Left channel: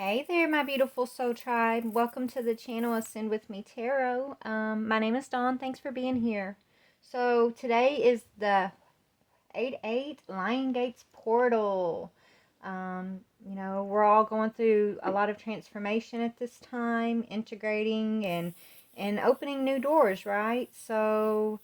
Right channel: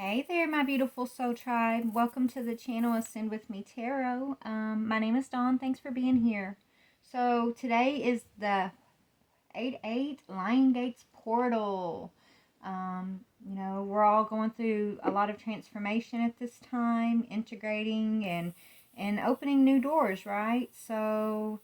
Hey there, my beautiful soul tribe. Welcome to the channel Ascend with Me Tarot. My name is Dawn. Thanks for being here. So today is the 8Lionsgate's portal. We're all going through a lot of transformation at this time, integrating and opening new doors, right? So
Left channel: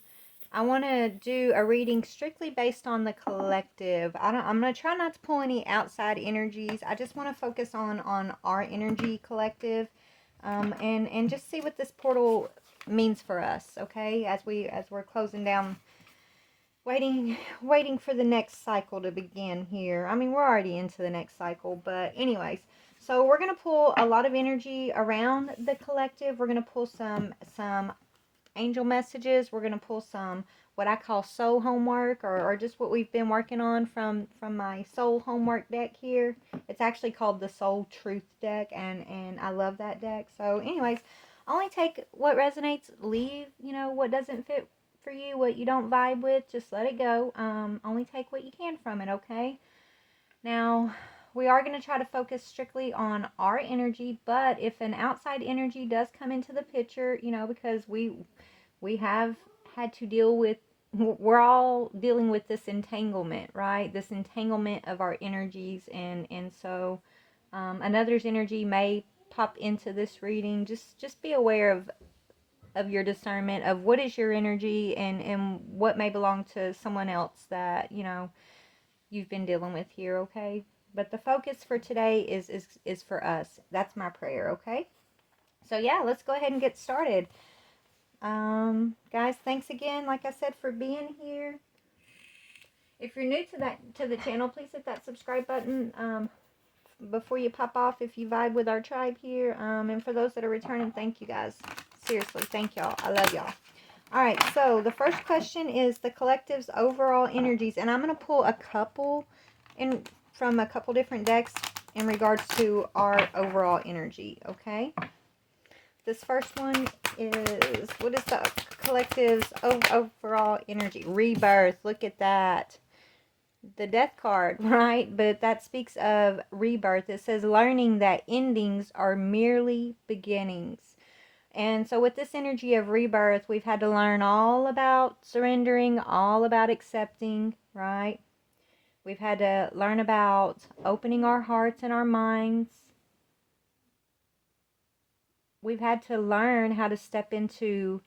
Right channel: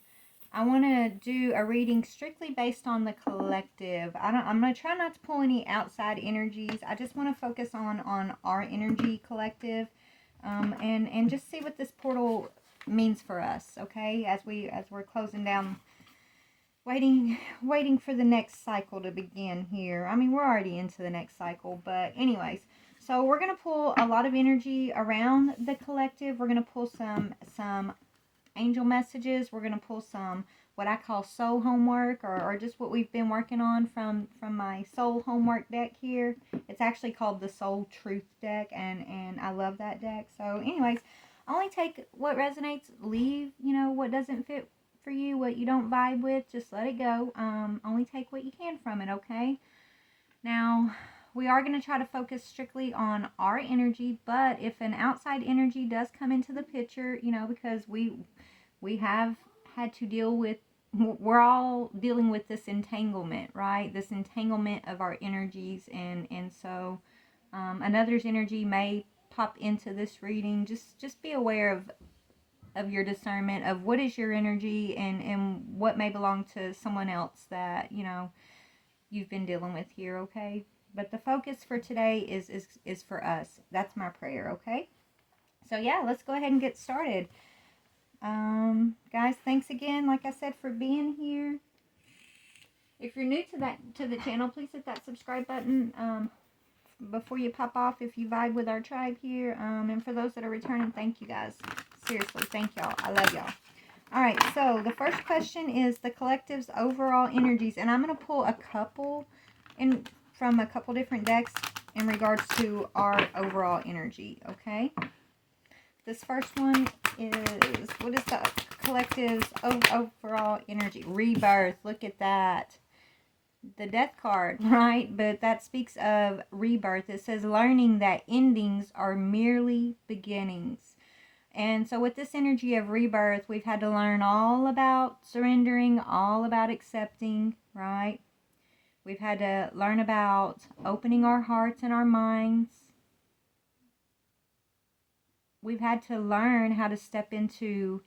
I want to do a reading strictly based on the collective. I'm going to try not to pull any outside energies. I just want to focus on our energy collective, and just see what this portal means for us, okay? As we're closing down, waiting for the next cycle to begin here. I mean, we're already into the next cycle, but anyways, so we're going to pull a lot of energy around the collective. We're going to pull some angel messages. We're going to pull some what I call soul homework, or just what we've been working on from my soul homework deck here. It's actually called the Soul Truth deck, and I love that deck. So anyways, only take what resonates, leave, what doesn't fit for you, what you don't vibe with, just let it go. Only take what you can from it, okay? Now, we are going to try to focus strictly on our energy, but if an outside energy does come into the picture, because we have had to deal with, we're all dealing with this entanglement, right? This entanglement of our energies, and so another's energy may pop into this reading. Just be aware of your discernment of what is your energy, and what may belong to someone else that you've been dealing with here, okay? But the focus for today is for us. That's my prayer, okay? So yeah, let's go ahead and get started. Guys, thanks again, like I said, for being here. If you're new to the channel, please hit that subscribe button before you pop off if you vibe with our tribe here. And for those that are returning, thank you guys. Seriously, thank y'all. I love y'all. All right, so the first question is the collective's overall energies, and I'm going to pull a couple from a couple different decks in regards to our overall energy, okay? This first one is, what is the collective's overall energy? Rebirth. Look at that. The death card, right? But that speaks of rebirth. It says learning that endings are merely beginnings. And so with this energy of rebirth, we've had to learn all about surrendering, all about accepting, right? We've had to learn about opening our hearts and our minds. We've had to learn how to step into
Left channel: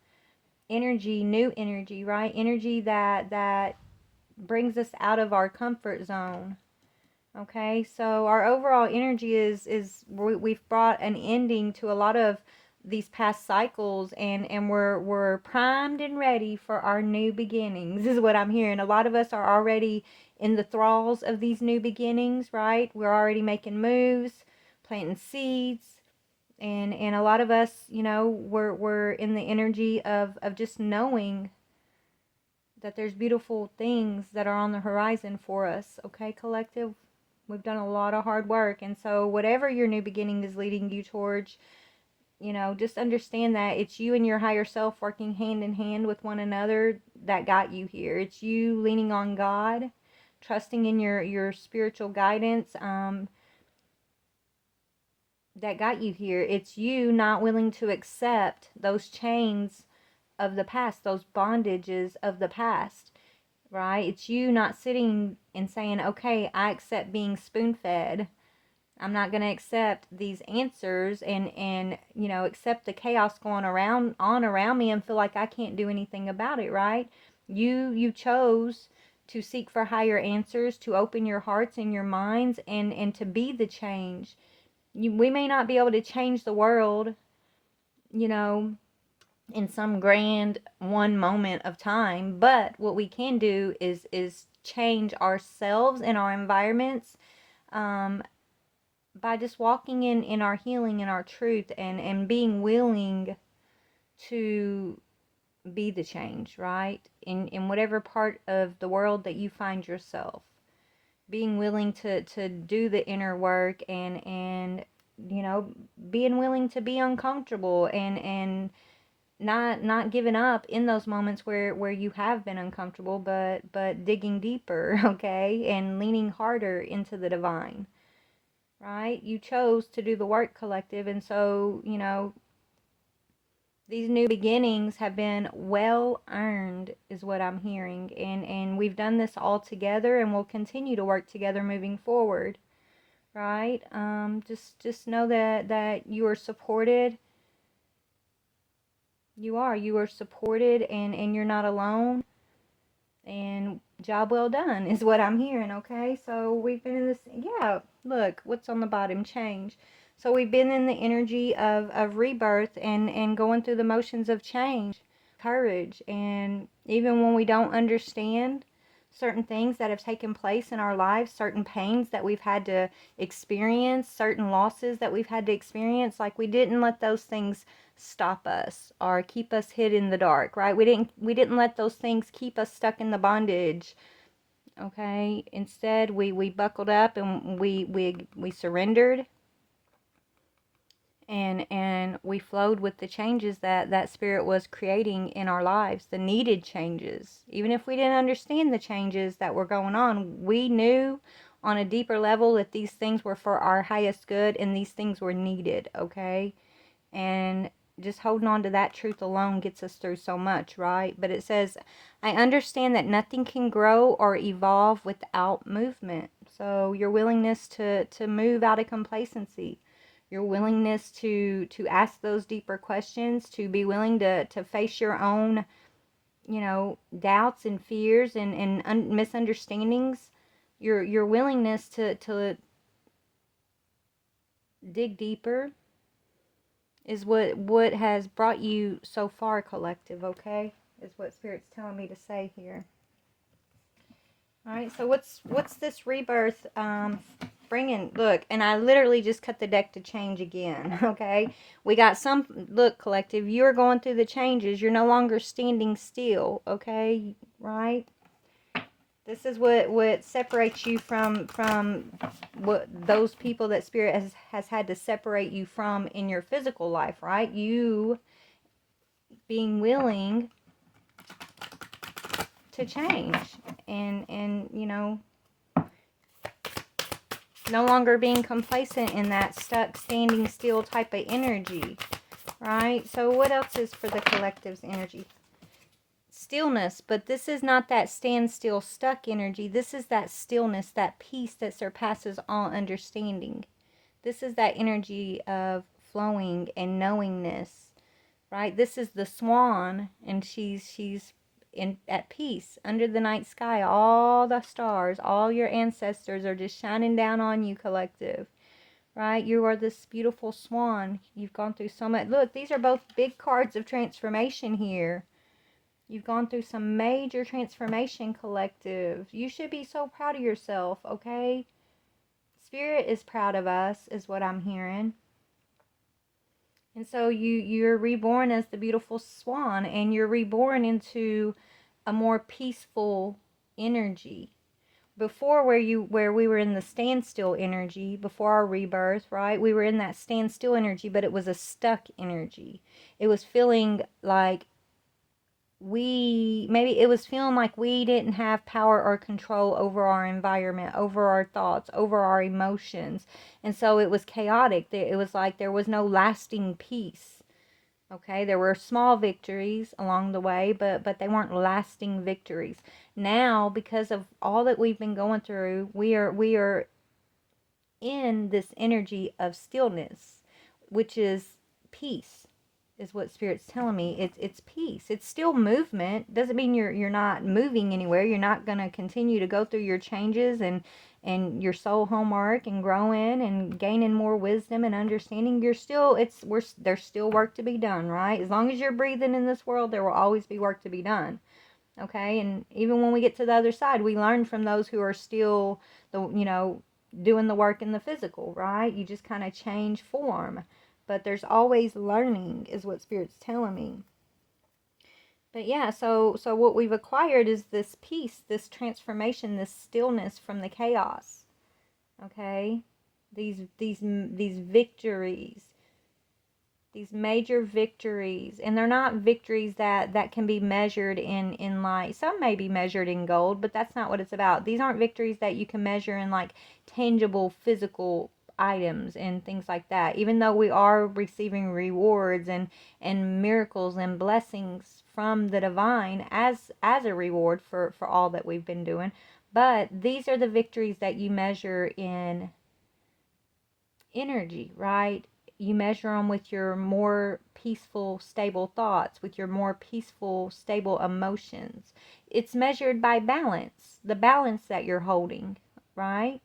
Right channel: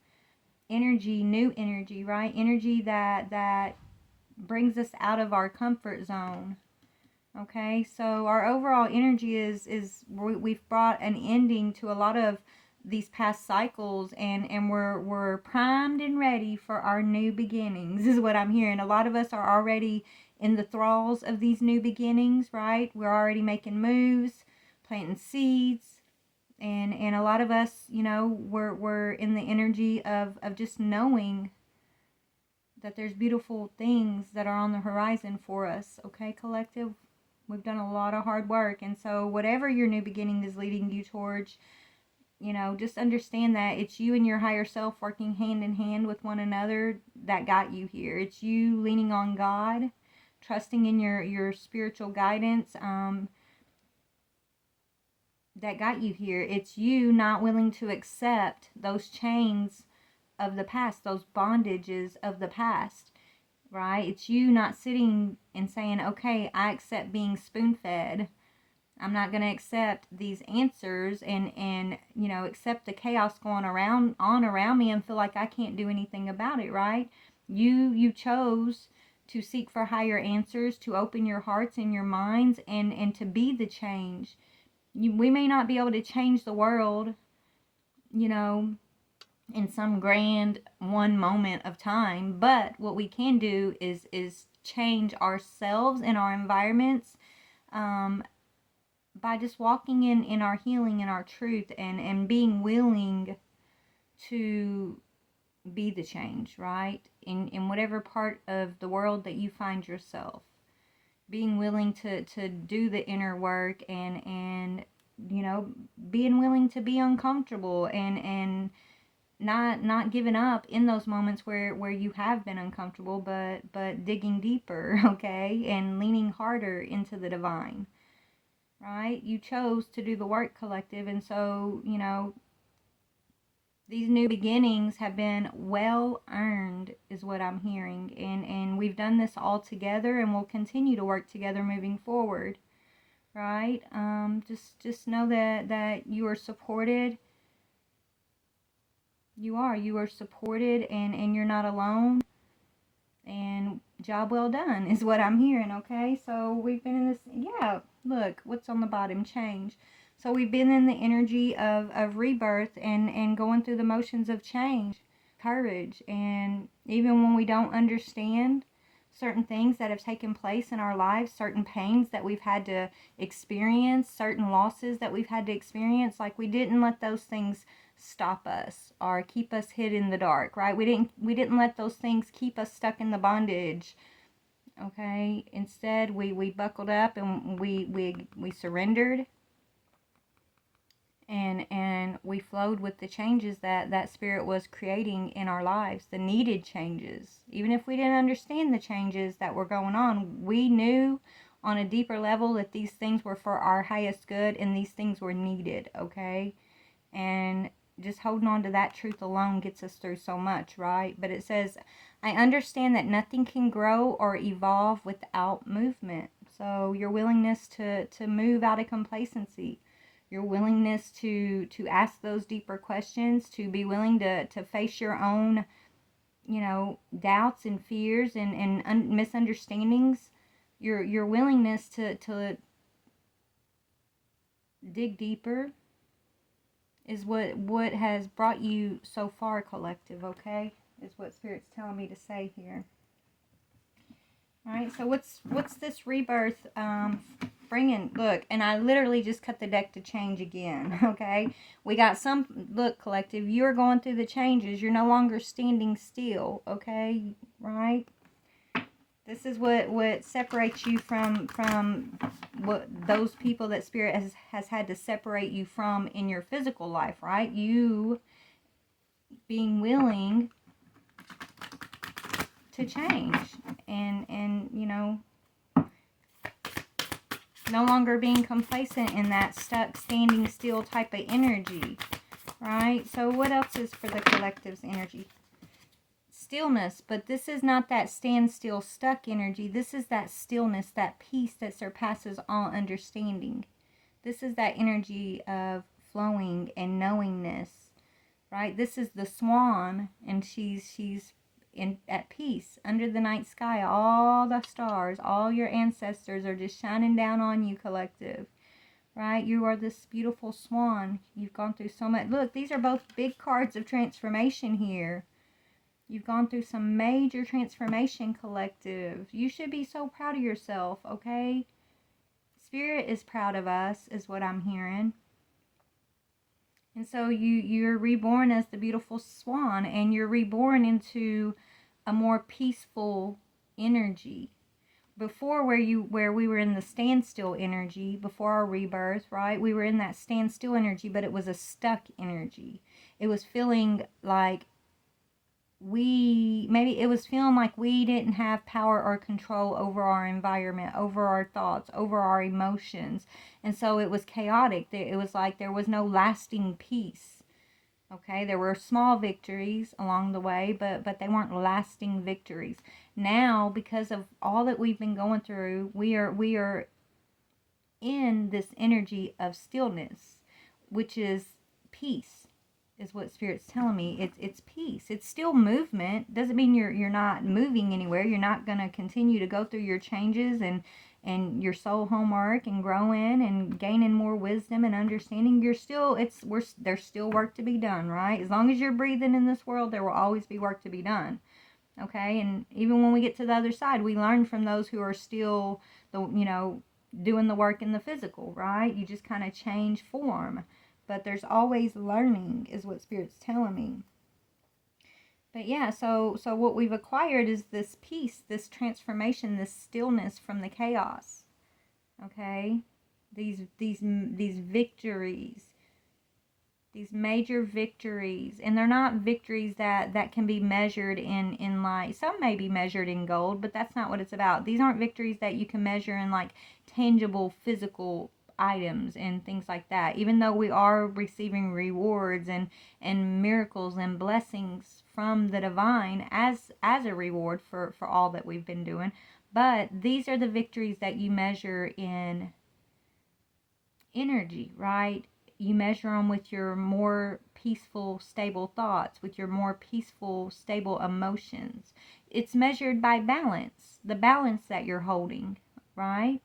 energy, new energy, right? Energy that brings us out of our comfort zone. Okay, so our overall energy is we've brought an ending to a lot of these past cycles, and we're primed and ready for our new beginnings, is what I'm hearing. A lot of us are already in the thralls of these new beginnings, right? We're already making moves, planting seeds, and a lot of us, we're in the energy of just knowing that there's beautiful things that are on the horizon for us, okay, collective? We've done a lot of hard work, and so whatever your new beginning is leading you towards, just understand that it's you and your higher self working hand in hand with one another that got you here. It's you leaning on God, trusting in your spiritual guidance, that got you here. It's you not willing to accept those chains of the past, those bondages of the past, right? It's you not sitting and saying, okay, I accept being spoon-fed. I'm not going to accept these answers and accept the chaos going around me and feel like I can't do anything about it, right? You chose to seek for higher answers, to open your hearts and your minds, and to be the change. We may not be able to change the world, in some grand one moment of time, but what we can do is change ourselves and our environments, by just walking in our healing and our truth, and being willing to be the change, right? In whatever part of the world that you find yourself, being willing to do the inner work, and being willing to be uncomfortable, and not giving up in those moments where you have been uncomfortable, but digging deeper, okay, and leaning harder into the divine. right? You chose to do the work, collective. And so, you know, these new beginnings have been well earned, is what I'm hearing. And we've done this all together, and we'll continue to work together moving forward, right? Just know that you are supported. You are supported, and you're not alone. And job well done is what I'm hearing, okay? So we've been in this, yeah, look, what's on the bottom, change. So we've been in the energy of rebirth and going through the motions of change, courage. And even when we don't understand certain things that have taken place in our lives, certain pains that we've had to experience, certain losses that we've had to experience, like we didn't let those things stop us or keep us hid in the dark, right? We didn't let those things keep us stuck in the bondage. Okay? Instead, we buckled up and we surrendered, and we flowed with the changes that spirit was creating in our lives, the needed changes. Even if we didn't understand the changes that were going on, we knew on a deeper level that these things were for our highest good and these things were needed, okay? And just holding on to that truth alone gets us through so much, right? But it says, I understand that nothing can grow or evolve without movement. So your willingness to move out of complacency, your willingness to ask those deeper questions, to be willing to face your own, you know, doubts and fears and misunderstandings, your willingness to dig deeper is what has brought you so far, collective, okay? Is what Spirit's telling me to say here. All right, so what's this rebirth bringing? Look, and I literally just cut the deck to change again, okay? We got some, look, collective, you're going through the changes. You're no longer standing still, okay? Right? This is what separates you from what those people that Spirit has had to separate you from in your physical life, right? You being willing to change and you know, no longer being complacent in that stuck standing still type of energy, right? So what else is for the collective's energy? Stillness, but this is not that standstill stuck energy. This is that stillness, that peace that surpasses all understanding. This is that energy of flowing and knowingness, right? This is the swan, and she's in at peace under the night sky. All the stars, all your ancestors are just shining down on you, collective, right? You are this beautiful swan. You've gone through so much. Look, these are both big cards of transformation here. You've gone through some major transformation, collective. You should be so proud of yourself, okay? Spirit is proud of us, is what I'm hearing. And so you're reborn as the beautiful swan, and you're reborn into a more peaceful energy. Before, where we were in the standstill energy, before our rebirth, right? We were in that standstill energy, but it was a stuck energy. It was feeling like maybe it was feeling like we didn't have power or control over our environment, over our thoughts, over our emotions. And so it was chaotic. It was like there was no lasting peace. Okay, there were small victories along the way, but they weren't lasting victories. Now, because of all that we've been going through, we are in this energy of stillness, which is peace, is what Spirit's telling me. It's peace. It's still movement. Doesn't mean you're not moving anywhere. You're not going to continue to go through your changes and your soul homework and growing and gaining more wisdom and understanding. There's still work to be done, right? As long as you're breathing in this world, there will always be work to be done. Okay? And even when we get to the other side, we learn from those who are still doing the work in the physical, right? You just kind of change form. But there's always learning, is what Spirit's telling me. But yeah, so what we've acquired is this peace, this transformation, this stillness from the chaos. Okay? These victories, these major victories, and they're not victories that can be measured in like, some may be measured in gold, but that's not what it's about. These aren't victories that you can measure in like tangible physical items and things like that. Even though we are receiving rewards and miracles and blessings from the divine as a reward for all that we've been doing. But these are the victories that you measure in energy, right? You measure them with your more peaceful, stable thoughts, with your more peaceful, stable emotions. It's measured by balance, the balance that you're holding, right?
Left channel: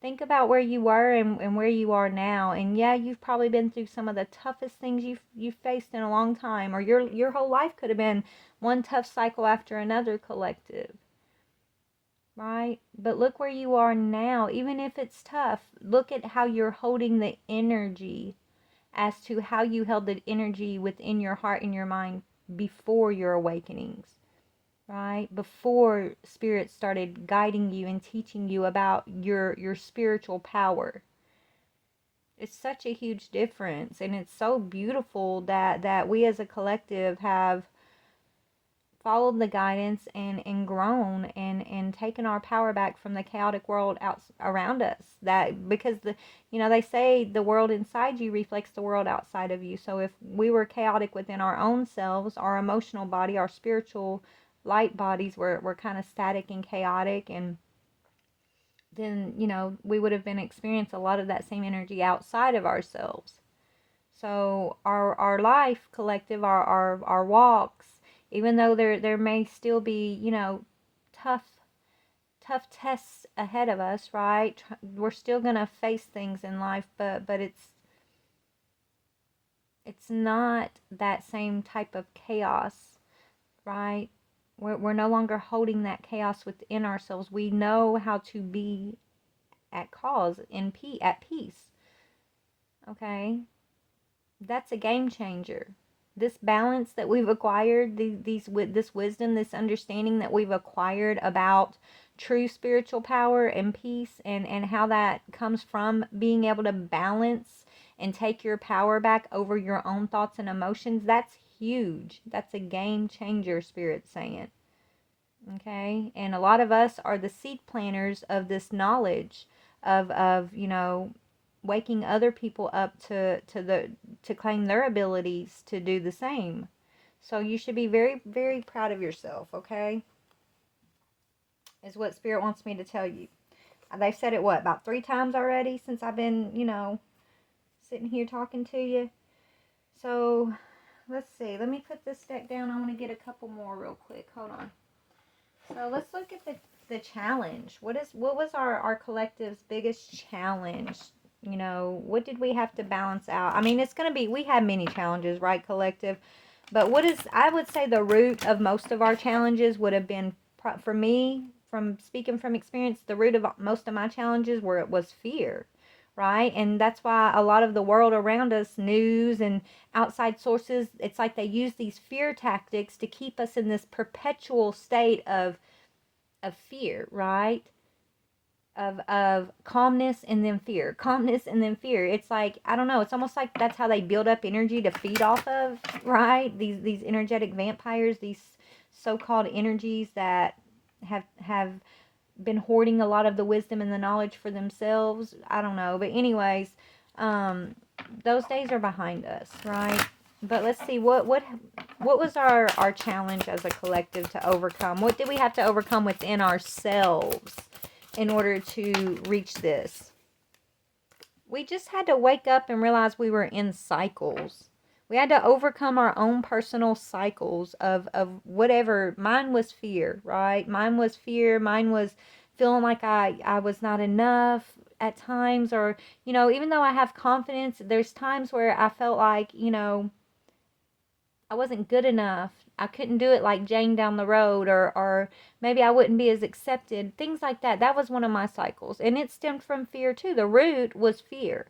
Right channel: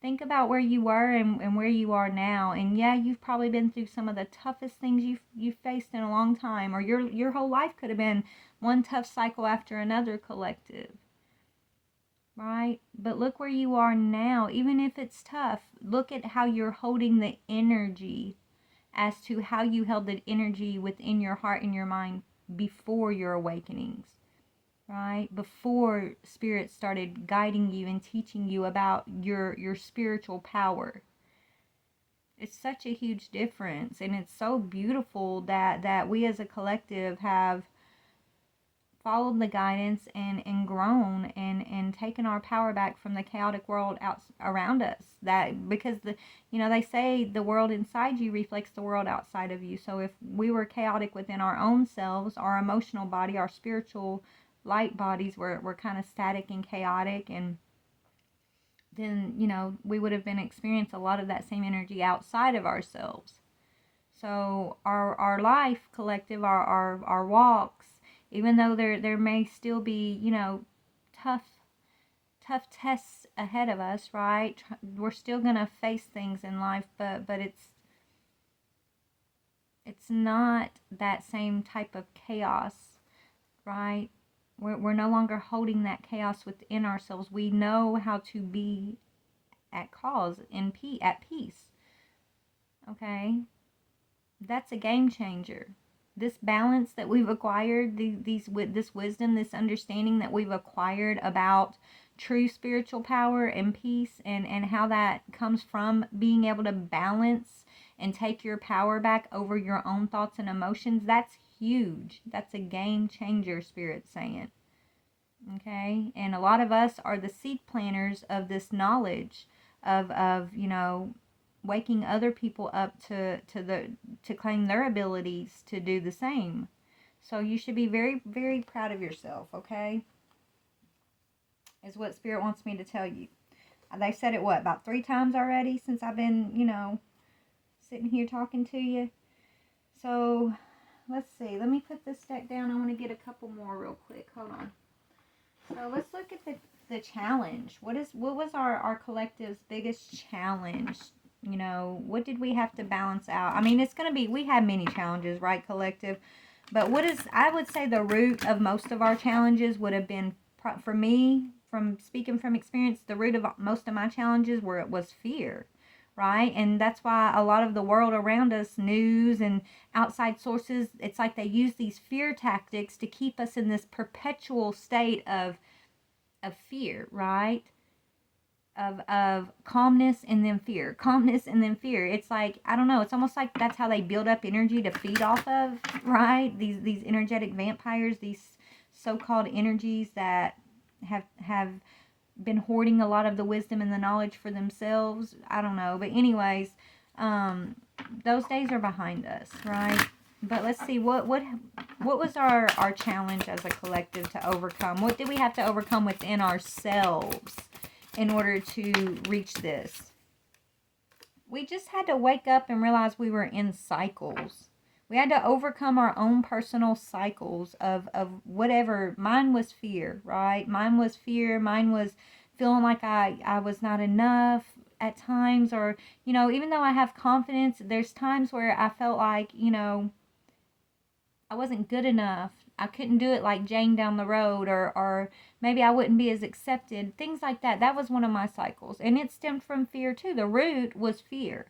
Think about where you were and where you are now. And yeah, you've probably been through some of the toughest things you've faced in a long time, or your whole life could have been one tough cycle after another, collective. Right? But look where you are now. Even if it's tough, look at how you're holding the energy, as to how you held the energy within your heart and your mind before your awakenings, right? Before spirit started guiding you and teaching you about your spiritual power. It's such a huge difference, and it's so beautiful that we as a collective have followed the guidance and grown and taken our power back from the chaotic world out around us. That because they say the world inside you reflects the world outside of you. So if we were chaotic within our own selves, our emotional body, our spiritual light bodies were kind of static and chaotic, and then we would have been experiencing a lot of that same energy outside of ourselves. So our life collective, our walks, even though there may still be, tough tests ahead of us, right? We're still gonna face things in life, but it's not that same type of chaos, right? We're no longer holding that chaos within ourselves. We know how to be at cause, at peace. Okay? That's a game changer. This balance that we've acquired, this wisdom, this understanding that we've acquired about true spiritual power and peace, and how that comes from being able to balance and take your power back over your own thoughts and emotions, that's huge. That's a game changer, Spirit's saying. Okay? And a lot of us are the seed planters of this knowledge of waking other people up to claim their abilities to do the same. So you should be very, very proud of yourself, okay? Is what Spirit wants me to tell you. They've said it, about 3 times already since I've been, sitting here talking to you. So, let's see. Let me put this deck down. I'm going to get a couple more real quick. Hold on. So, let's look at the challenge. What was our collective's biggest challenge? What did we have to balance out? I mean, it's going to be, we had many challenges, right, collective? But I would say the root of most of our challenges would have been, for me, from speaking from experience, the root of most of my challenges was fear, right? And that's why a lot of the world around us, news and outside sources, it's like they use these fear tactics to keep us in this perpetual state of fear, right? Of calmness and then fear, calmness and then fear. It's like, I don't know, it's almost like that's how they build up energy to feed off of, right? These energetic vampires, these so-called energies that have been hoarding a lot of the wisdom and the knowledge for themselves. I don't know, but anyways, those days are behind us, right? But let's see, what was our challenge as a collective to overcome? What did we have to overcome within ourselves in order to reach this? We just had to wake up and realize we were in cycles. We had to overcome our own personal cycles of whatever. Mine was fear, right? Mine was fear. Mine was feeling like I was not enough at times, or, even though I have confidence, there's times where I felt like, I wasn't good enough. I couldn't do it like Jane down the road, or maybe I wouldn't be as accepted. Things like that. That was one of my cycles. And it stemmed from fear too. The root was fear.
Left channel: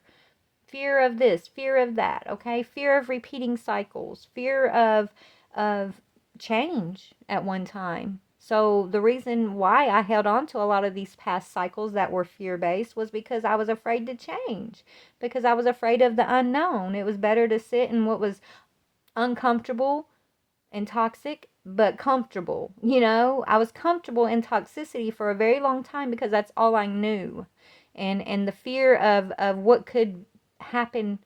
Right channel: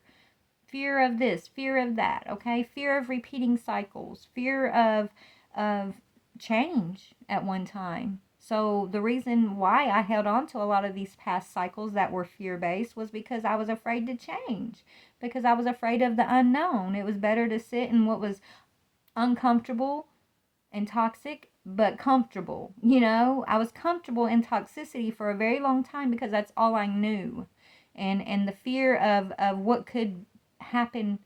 Fear of this, fear of that, okay? Fear of repeating cycles, fear of change at one time. So the reason why I held on to a lot of these past cycles that were fear-based was because I was afraid to change, because I was afraid of the unknown. It was better to sit in what was uncomfortable and toxic, but comfortable. I was comfortable in toxicity for a very long time because that's all I knew. and the fear of what could happen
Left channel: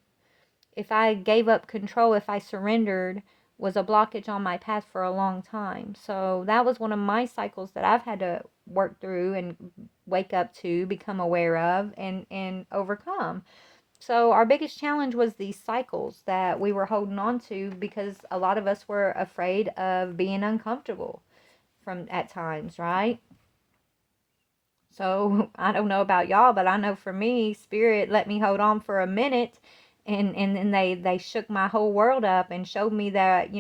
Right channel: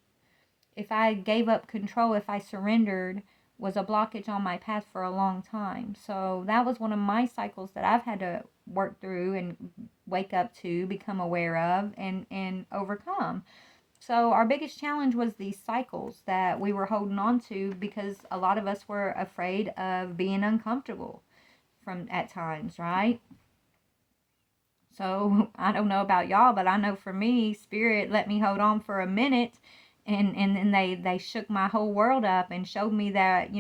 if I gave up control, if I surrendered, was a blockage on my path for a long time. So that was one of my cycles that I've had to work through and wake up to, become aware of, and overcome. So our biggest challenge was these cycles that we were holding on to because a lot of us were afraid of being uncomfortable from at times, right? So I don't know about y'all, but I know for me, Spirit let me hold on for a minute, and then they shook my whole world up and showed me that,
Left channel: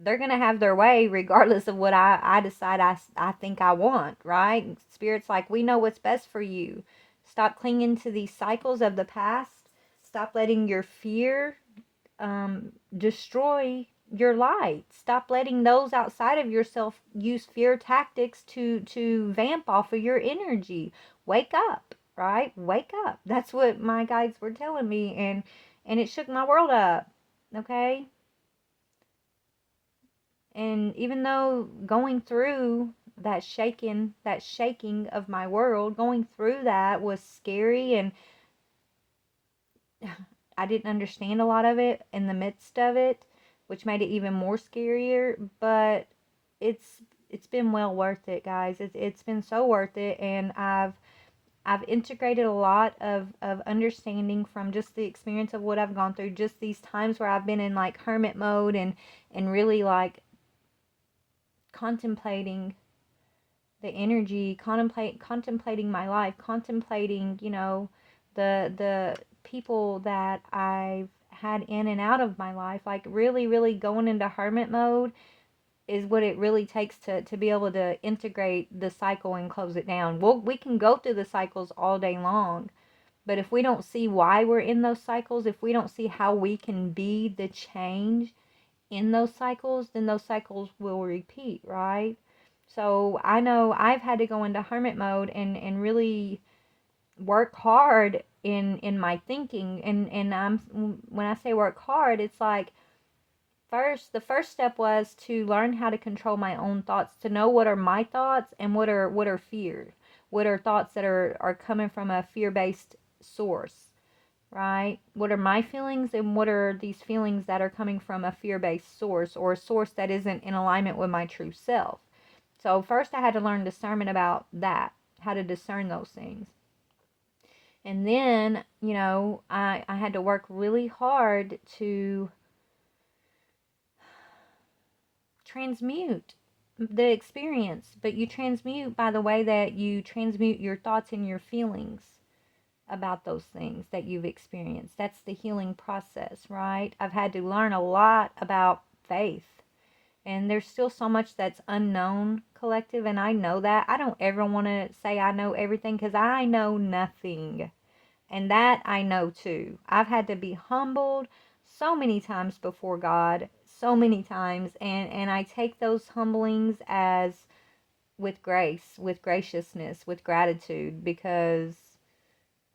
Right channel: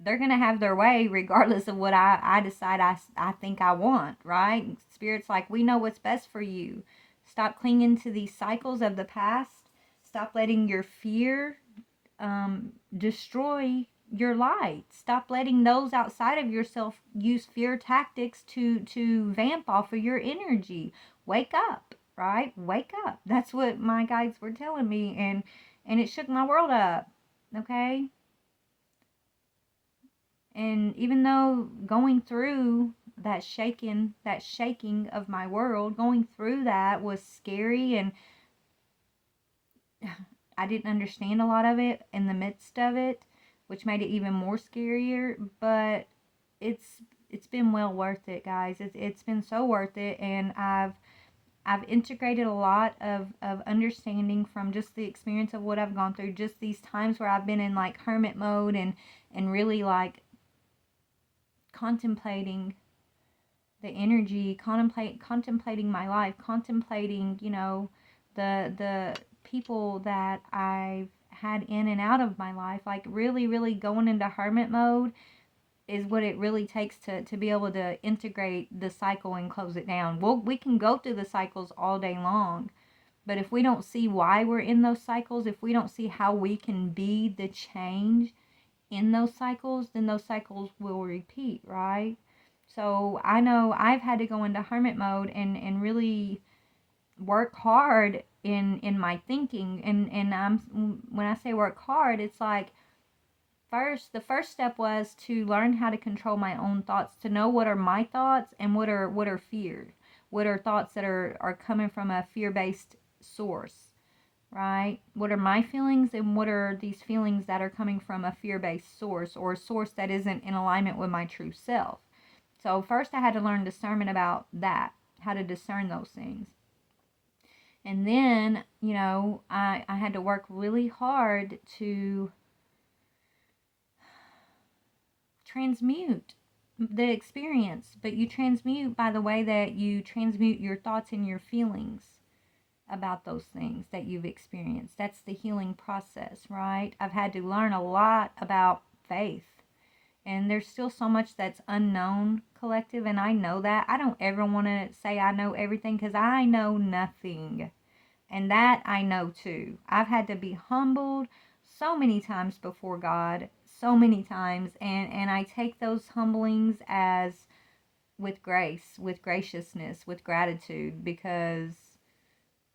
they're going to have their way regardless of what I decide I think I want, right? Spirit's like, we know what's best for you. Stop clinging to these cycles of the past. Stop letting your fear destroy your light. Stop letting those outside of yourself use fear tactics to vamp off of your energy. Wake up, right? Wake up. That's what my guides were telling me, and it shook my world up. Okay? And even though going through that shaking of my world, going through that was scary, and I didn't understand a lot of it in the midst of it, which made it even more scarier, but it's been well worth it, guys. It's been so worth it, and I've integrated a lot of understanding from just the experience of what I've gone through, just these times where I've been in like hermit mode and really like contemplating the energy, contemplating my life, contemplating, the people that I've had in and out of my life, like really, really going into hermit mode is what it really takes to be able to integrate the cycle and close it down. We can go through the cycles all day long, but if we don't see why we're in those cycles, if we don't see how we can be the change in those cycles, then those cycles will repeat, right? So I know I've had to go into hermit mode and really work hard in my thinking, and when I say work hard, it's like the first step was to learn how to control my own thoughts, to know what are my thoughts and what are fears, what are thoughts that are coming from a fear-based source, right? What are my feelings and what are these feelings that are coming from a fear-based source, or a source that isn't in alignment with my true self. So first I had to learn discernment about that, how to discern those things. And then, I had to work really hard to transmute the experience, but you transmute by the way that you transmute your thoughts and your feelings about those things that you've experienced. That's the healing process, right? I've had to learn a lot about faith. And there's still so much that's unknown, collective, and I know that. I don't ever want to say I know everything because I know nothing. And that I know too. I've had to be humbled so many times before God, so many times, and I take those humblings as with grace, with graciousness, with gratitude, because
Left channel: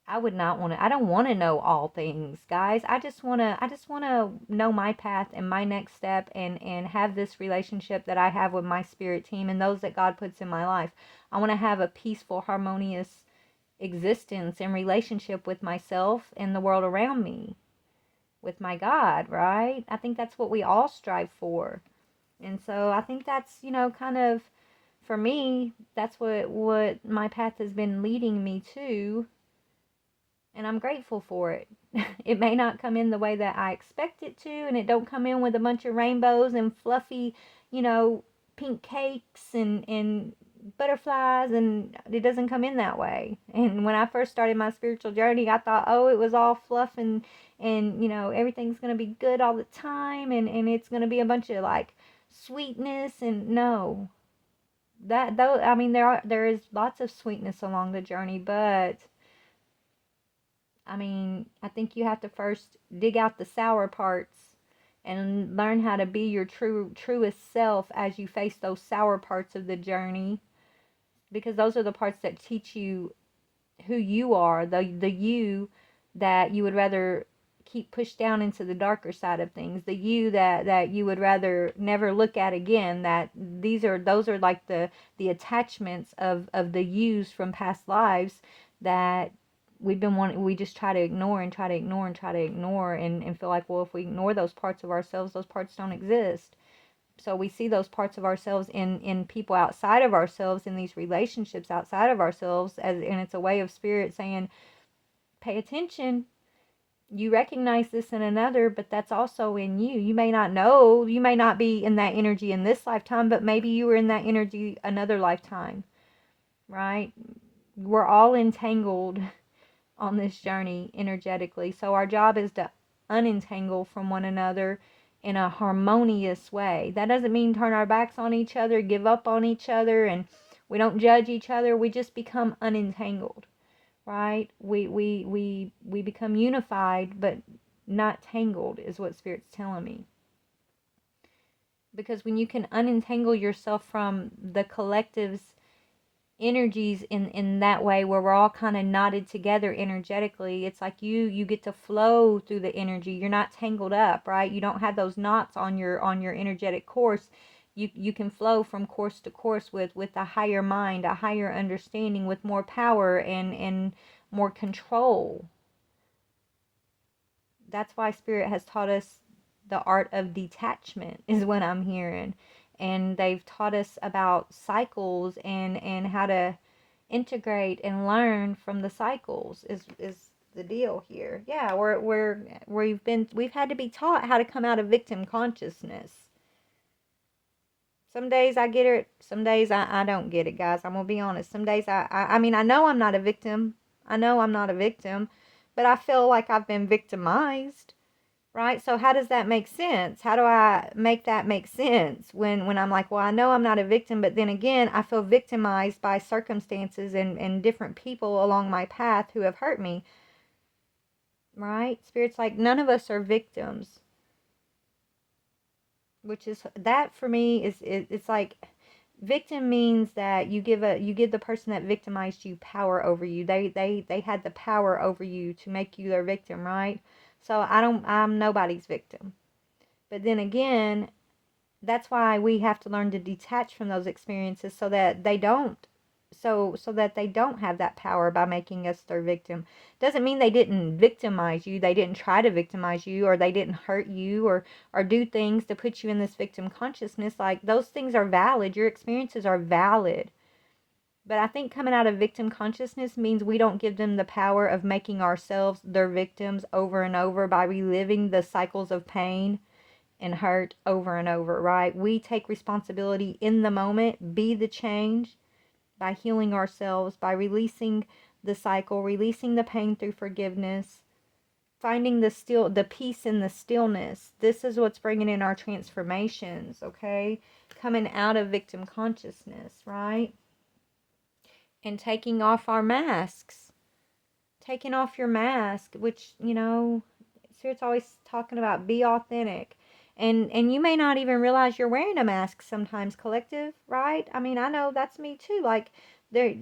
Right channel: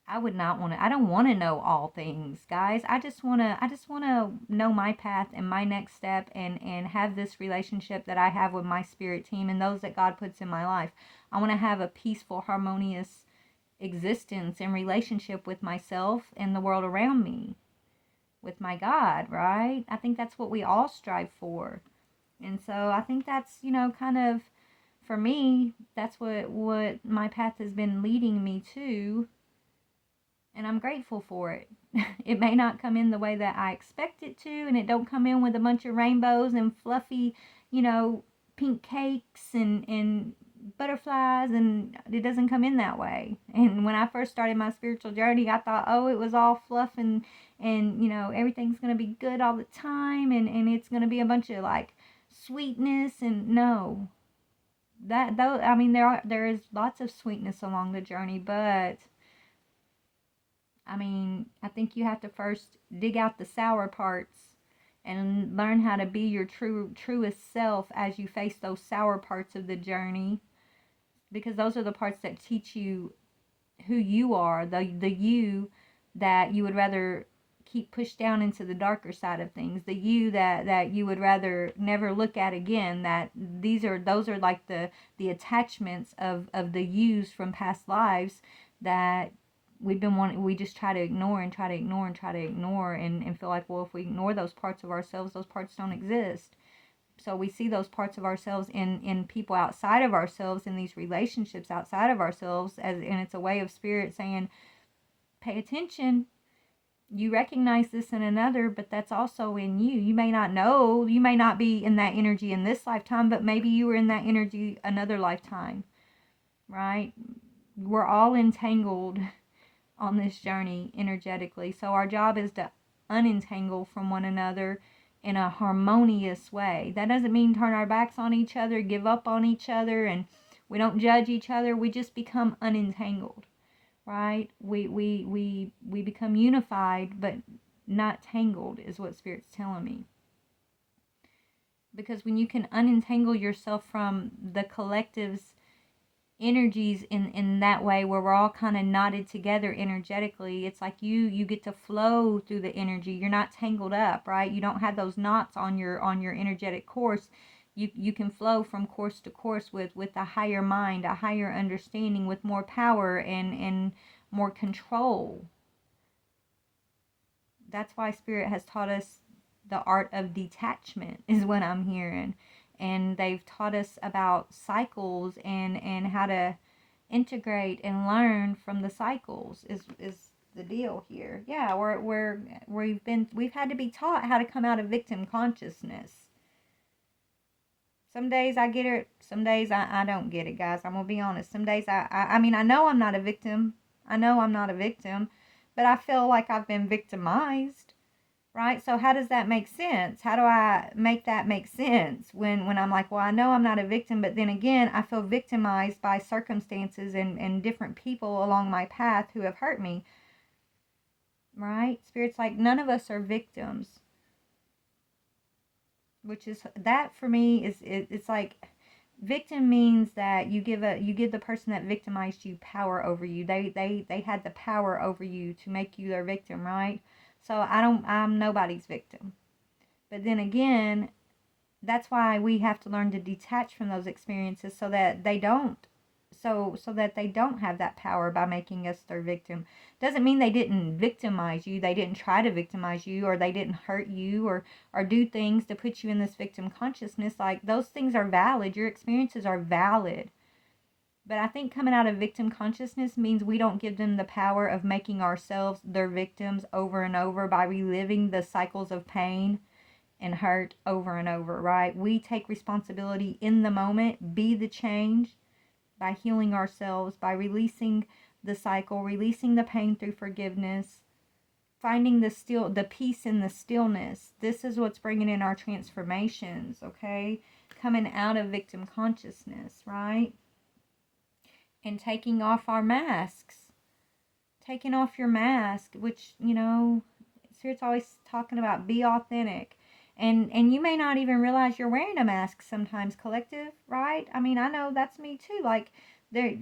I would not want to. I don't want to know all things, guys. I just want to know my path and my next step, and have this relationship that I have with my spirit team and those that God puts in my life. I want to have a peaceful, harmonious existence and relationship with myself and the world around me, with my God, right? I think that's what we all strive for. And so I think that's, kind of, for me, that's what my path has been leading me to, and I'm grateful for it. It may not come in the way that I expect it to, and it don't come in with a bunch of rainbows and fluffy, pink cakes and butterflies, and it doesn't come in that way. And when I first started my spiritual journey, I thought, oh, it was all fluff, and everything's going to be good all the time, and it's going to be a bunch of like sweetness. And no, that though, I mean, there is lots of sweetness along the journey, but I mean, I think you have to first dig out the sour parts and learn how to be your truest self as you face those sour parts of the journey, because those are the parts that teach you who you are, the you that you would rather keep pushed down into the darker side of things, the you that you would rather never look at again. That those are like the attachments of the yous from past lives that we just try to ignore and try to ignore and try to ignore and feel like, well, if we ignore those parts of ourselves, those parts don't exist. So we see those parts of ourselves in people outside of ourselves, in these relationships outside of ourselves, and it's a way of spirit saying, pay attention. You recognize this in another, but that's also in you. You may not know, you may not be in that energy in this lifetime, but maybe you were in that energy another lifetime, right? We're all entangled on this journey energetically. So our job is to unentangle from one another in a harmonious way. That doesn't mean turn our backs on each other, give up on each other, and we don't judge each other. We just become unentangled, right? We become unified, but not tangled, is what Spirit's telling me. Because when you can unentangle yourself from the collective's energies in that way, where we're all kind of knotted together energetically, it's like you get to flow through the energy. You're not tangled up, right? You don't have those knots on your energetic course. You can flow from course to course with a higher mind, a higher understanding, with more power and more control. That's why Spirit has taught us the art of detachment, is what I'm hearing. And they've taught us about cycles and how to integrate and learn from the cycles is the deal here. Yeah, we've had to be taught how to come out of victim consciousness. Some days I get it, some days I don't get it, guys. I'm gonna be honest. Some days I mean, I know I'm not a victim. I know I'm not a victim, but I feel like I've been victimized. Right? So how does that make sense? How do I make that make sense when I'm like, well, I know I'm not a victim, but then again, I feel victimized by circumstances and different people along my path who have hurt me. Right? Spirit's like, none of us are victims. Which is, that for me is, it's like, victim means that you give the person that victimized you power over you. They had the power over you to make you their victim, right? So I'm nobody's victim. But then again, that's why we have to learn to detach from those experiences so that they don't have that power by making us their victim. Doesn't mean they didn't victimize you, they didn't try to victimize you, or they didn't hurt you or do things to put you in this victim consciousness. Like, those things are valid, your experiences are valid. But I think coming out of victim consciousness means we don't give them the power of making ourselves their victims over and over by reliving the cycles of pain and hurt over and over, right? We take responsibility in the moment, be the change by healing ourselves, by releasing the cycle, releasing the pain through forgiveness, finding the peace in the stillness. This is what's bringing in our transformations, okay? Coming out of victim consciousness, right? And taking off our masks. Taking off your mask, which, Spirit's always talking about, be authentic. And you may not even realize you're wearing a mask sometimes, collective, right? I mean, I know that's me too. Like, there,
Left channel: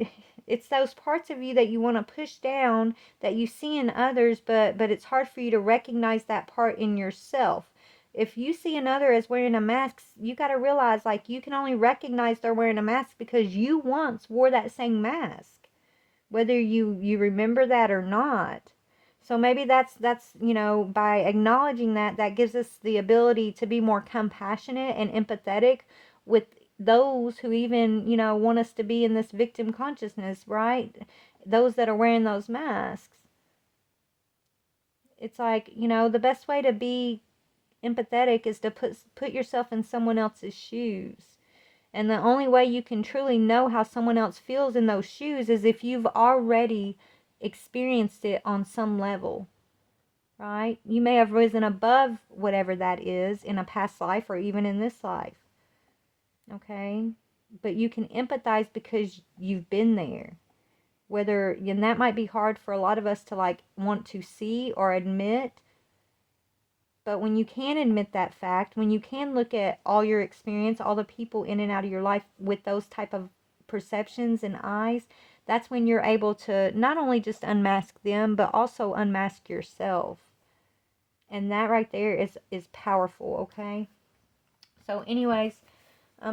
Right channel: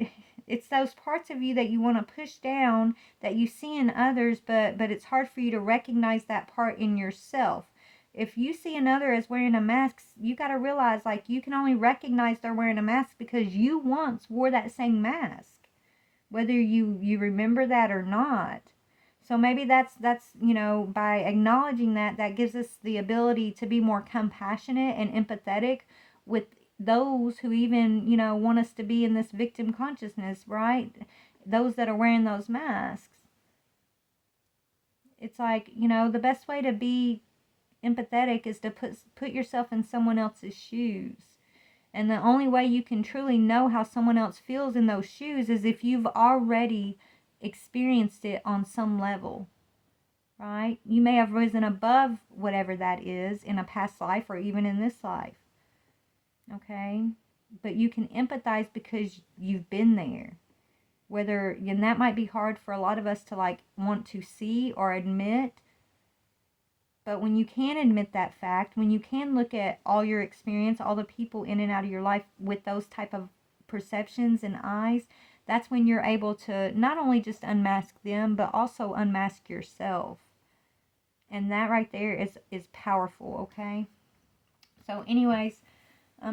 it's those parts of you that you want to push down that you see in others, but it's hard for you to recognize that part in yourself. If you see another as wearing a mask, you got to realize, like, you can only recognize they're wearing a mask because you once wore that same mask, whether you remember that or not. So maybe that's by acknowledging that gives us the ability to be more compassionate and empathetic with those who even, want us to be in this victim consciousness, right? Those that are wearing those masks. It's like, the best way to be empathetic is to put yourself in someone else's shoes. And the only way you can truly know how someone else feels in those shoes is if you've already experienced it on some level, right? You may have risen above whatever that is in a past life or even in this life, okay? But you can empathize because you've been there. And that might be hard for a lot of us to want to see or admit. But when you can admit that fact, when you can look at all your experience, all the people in and out of your life with those type of perceptions and eyes, that's when you're able to not only just unmask them, but also unmask yourself. And that right there is powerful, okay? So anyways,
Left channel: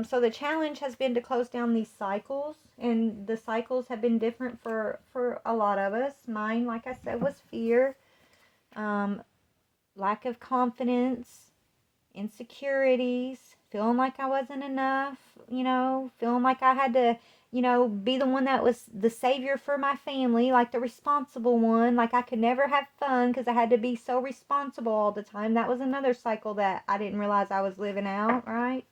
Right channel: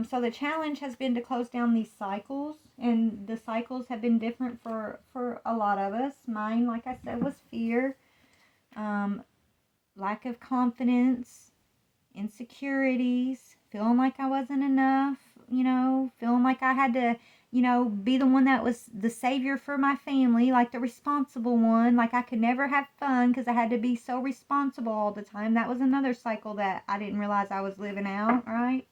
So the challenge has been to close down these cycles, and the cycles have been different for a lot of us. Mine, like I said, was fear, um, lack of confidence, insecurities, feeling like I wasn't enough, feeling like I had to, be the one that was the savior for my family, like the responsible one, like I could never have fun because I had to be so responsible all the time. That was another cycle that I didn't realize I was living out, right?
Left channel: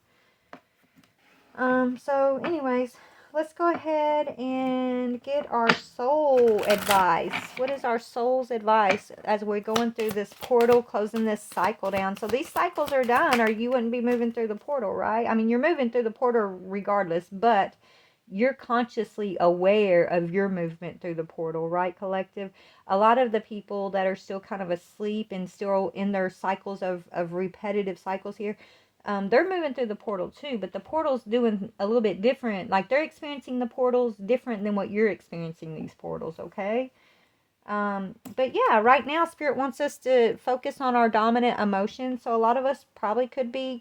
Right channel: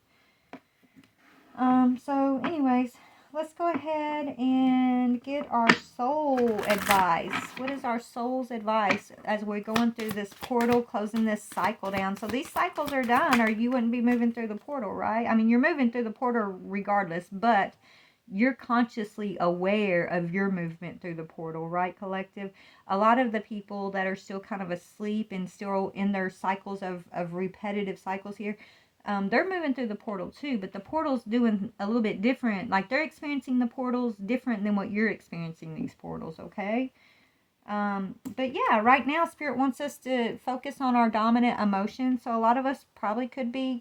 So anyways, let's go ahead and get our soul advice. What is our soul's advice as we're going through this portal, closing this cycle down? So these cycles are done, or you wouldn't be moving through the portal, right? I mean, you're moving through the portal regardless, but you're consciously aware of your movement through the portal, right, collective? A lot of the people that are still kind of asleep and still in their cycles of repetitive cycles here, they're moving through the portal too, but the portal's doing a little bit different. Like they're experiencing the portals different than what you're experiencing these portals, okay? But yeah, right now Spirit wants us to focus on our dominant emotions. So a lot of us probably could be,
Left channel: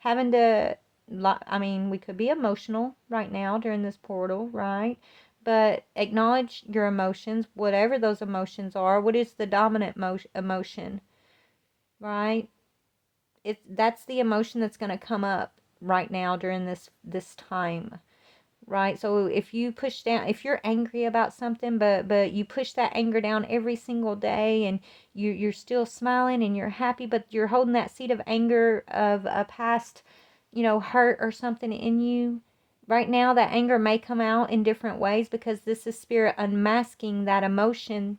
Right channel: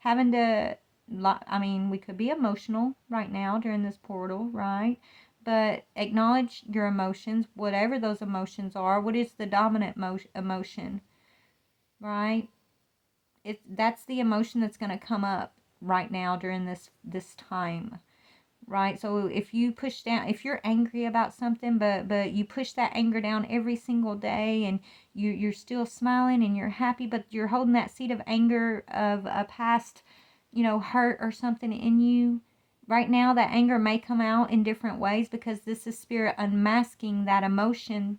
having to, we could be emotional right now during this portal, right? But acknowledge your emotions, whatever those emotions are. What is the dominant emotion, right? That's the emotion that's going to come up right now during this time, right? So if you push down, if you're angry about something, but you push that anger down every single day, and you're still smiling and you're happy, but you're holding that seed of anger of a past, hurt or something in you. Right now, that anger may come out in different ways because this is Spirit unmasking that emotion,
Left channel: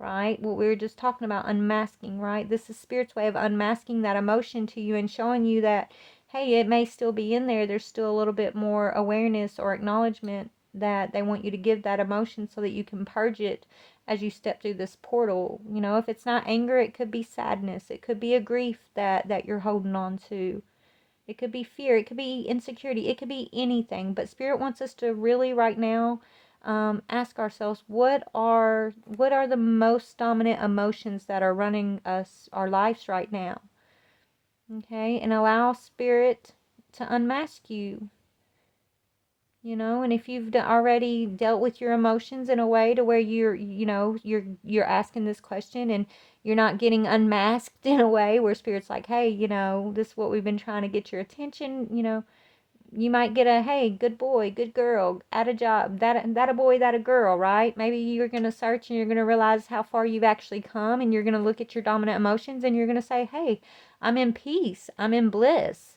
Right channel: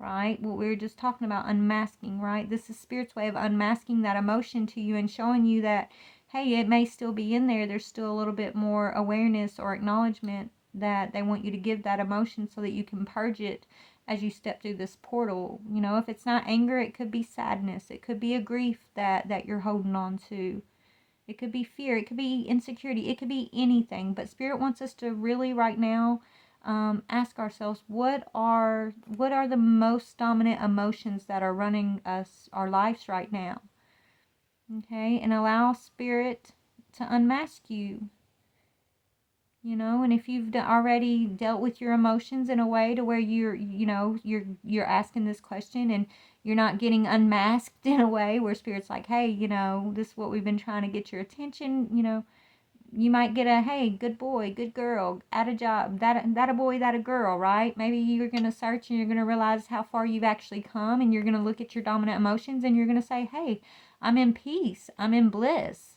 right? What we were just talking about, unmasking, right? This is Spirit's way of unmasking that emotion to you and showing you that, hey, it may still be in there. There's still a little bit more awareness or acknowledgement that they want you to give that emotion so that you can purge it as you step through this portal. If it's not anger, it could be sadness. It could be a grief that you're holding on to. It could be fear. It could be insecurity. It could be anything. But Spirit wants us to really right now ask ourselves, what are the most dominant emotions that are running our lives right now? Okay, and allow Spirit to unmask you. And if you've already dealt with your emotions in a way to where you're asking this question and you're not getting unmasked in a way where Spirit's like, hey, this is what we've been trying to get your attention, you might get a, hey, good boy, good girl, at a job, that a boy, that a girl, right? Maybe you're going to search and you're going to realize how far you've actually come, and you're going to look at your dominant emotions and you're going to say, hey, I'm in peace, I'm in bliss.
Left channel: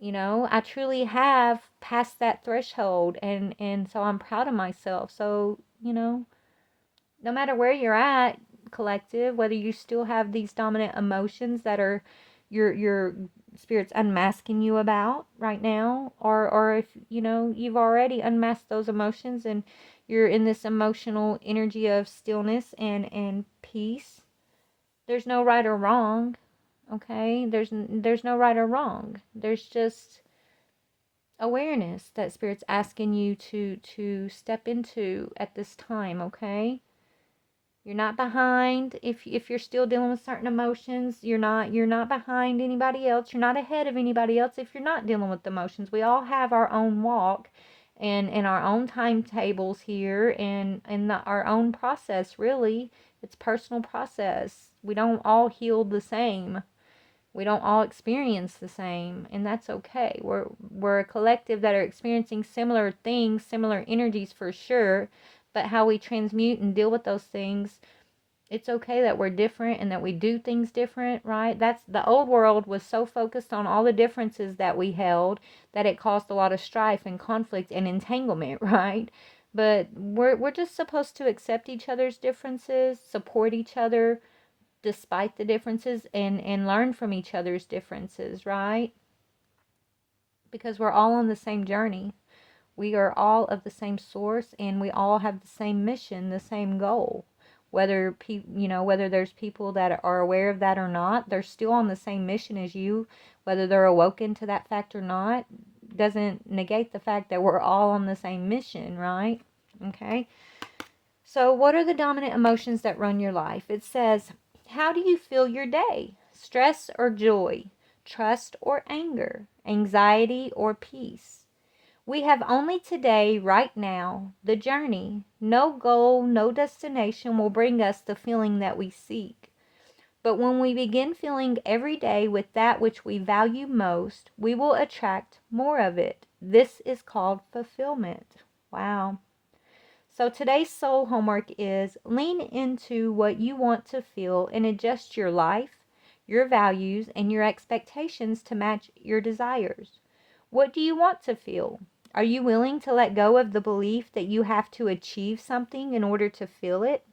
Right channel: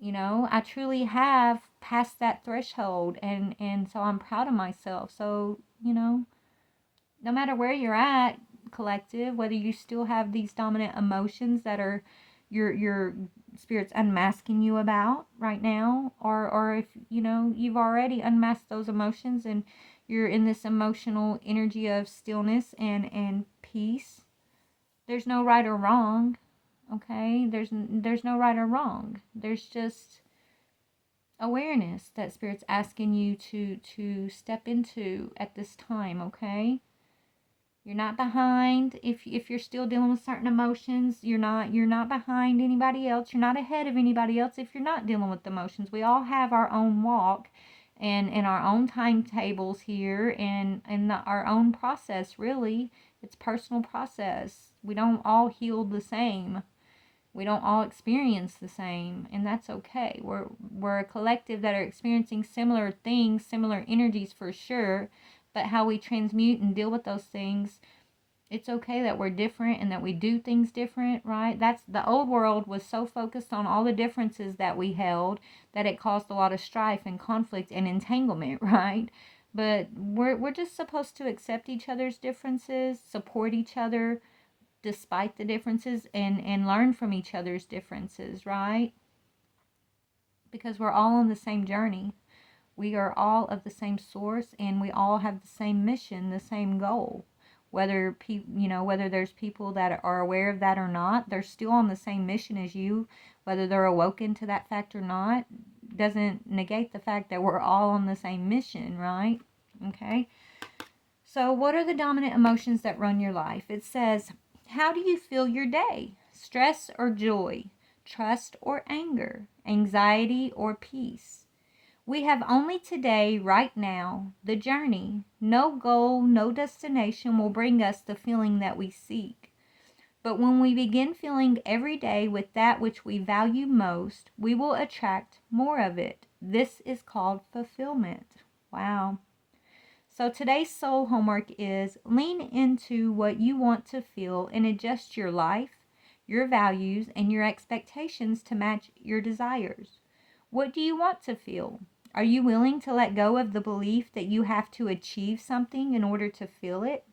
I truly have passed that threshold, and so I'm proud of myself. So, no matter where you're at, collective, whether you still have these dominant emotions that are your Spirit's unmasking you about right now, or if you've already unmasked those emotions and you're in this emotional energy of stillness and peace, there's no right or wrong. Okay, there's no right or wrong. There's just awareness that Spirit's asking you to step into at this time. Okay, you're not behind. If you're still dealing with certain emotions, you're not behind anybody else. You're not ahead of anybody else if you're not dealing with emotions. We all have our own walk and our own timetables here, and our own process. Really, it's personal process. We don't all heal the same. We don't all experience the same, and that's okay. We're a collective that are experiencing similar things, similar energies for sure, but how we transmute and deal with those things, it's okay that we're different and that we do things different, right? That's the old world was so focused on all the differences that we held that it caused a lot of strife and conflict and entanglement, right? But we're just supposed to accept each other's differences, support each other despite the differences, and learn from each other's differences, right? Because we're all on the same journey. We are all of the same source, and we all have the same mission, the same goal. Whether there's people that are aware of that or not, they're still on the same mission as you. Whether they're awoken to that fact or not doesn't negate the fact that we're all on the same mission, right? Okay. So what are the dominant emotions that run your life? It says, how do you feel your day? Stress or joy? Trust or anger? anxiety, or peace. We have only today, right now, the journey. No goal, no destination will bring us the feeling that we seek. But when we begin feeling every day with that which we value most, we will attract more of it. This is called fulfillment. Wow. So today's soul homework is lean into what you want to feel and adjust your life, your values, and your expectations to match your desires. What do you want to feel? Are you willing to let go of the belief that you have to achieve something in order to feel it?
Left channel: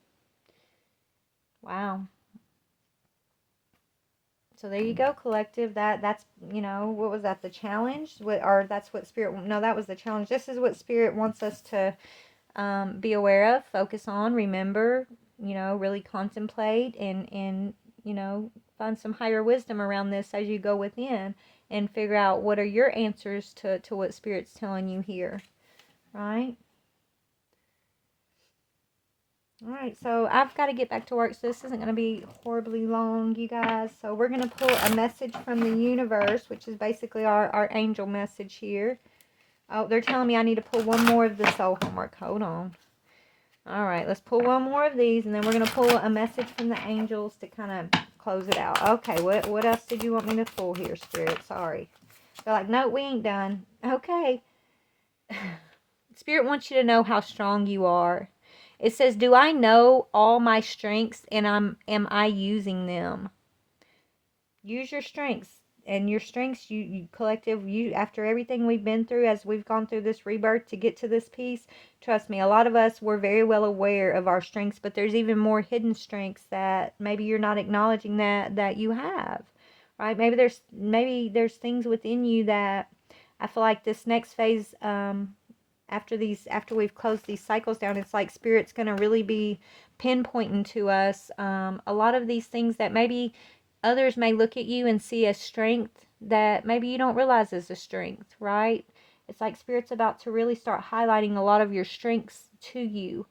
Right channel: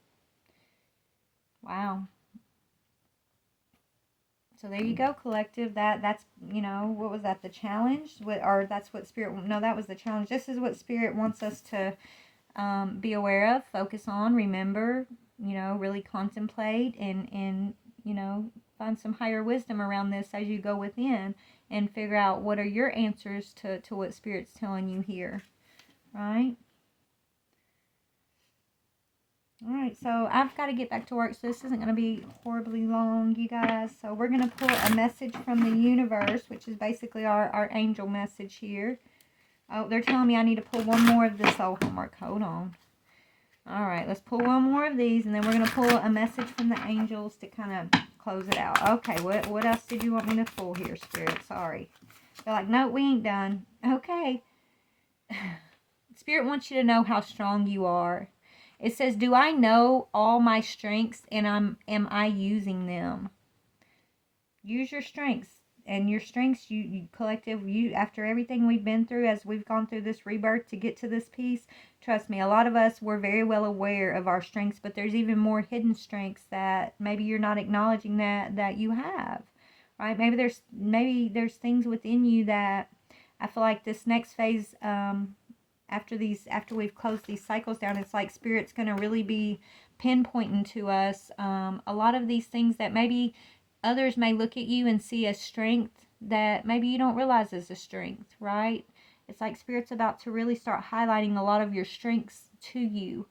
Wow. So there you go, collective. That's what was that? The challenge? Or that's what spirit? No, that was the challenge. This is what spirit wants us to be aware of, focus on, remember. Really contemplate and find some higher wisdom around this as you go within and figure out what are your answers to what spirit's telling you here, right? All right, so I've got to get back to work, so this isn't going to be horribly long, you guys. So we're going to pull a message from the universe, which is basically our angel message here. Oh, they're telling me I need to pull one more of the soul homework. Hold on. All right, let's pull one more of these, and then we're going to pull a message from the angels to kind of close it out. Okay, what else did you want me to pull here, Spirit? Sorry. They're like, no, we ain't done. Okay. Spirit wants you to know how strong you are. It says, do I know all my strengths, and am I using them? Use your strengths. And your strengths, you collective, after everything we've been through, as we've gone through this rebirth to get to this peace, trust me, a lot of us were very well aware of our strengths, but there's even more hidden strengths that maybe you're not acknowledging that you have, right? Maybe there's things within you that I feel like this next phase, after we've closed these cycles down, it's like spirit's going to really be pinpointing to us a lot of these things that maybe others may look at you and see as strength that maybe you don't realize is a strength, right? It's like spirit's about to really start highlighting a lot of your strengths to you,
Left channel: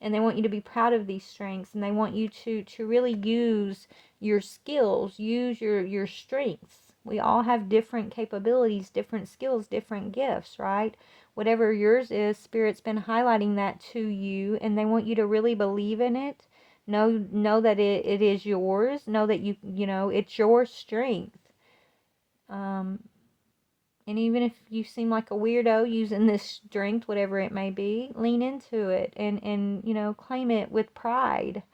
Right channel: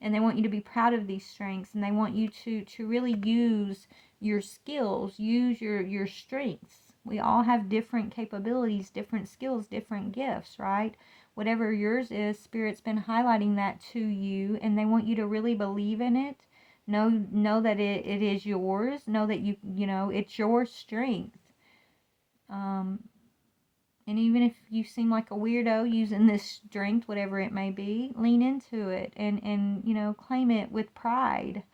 and they want you to be proud of these strengths, and they want you to really use your skills, use your strengths. We all have different capabilities, different skills, different gifts, right? Whatever yours is, spirit's been highlighting that to you, and they want you to really believe in it. Know that it is yours. Know that it's your strength. And even if you seem like a weirdo using this strength, whatever it may be, lean into it and claim it with pride.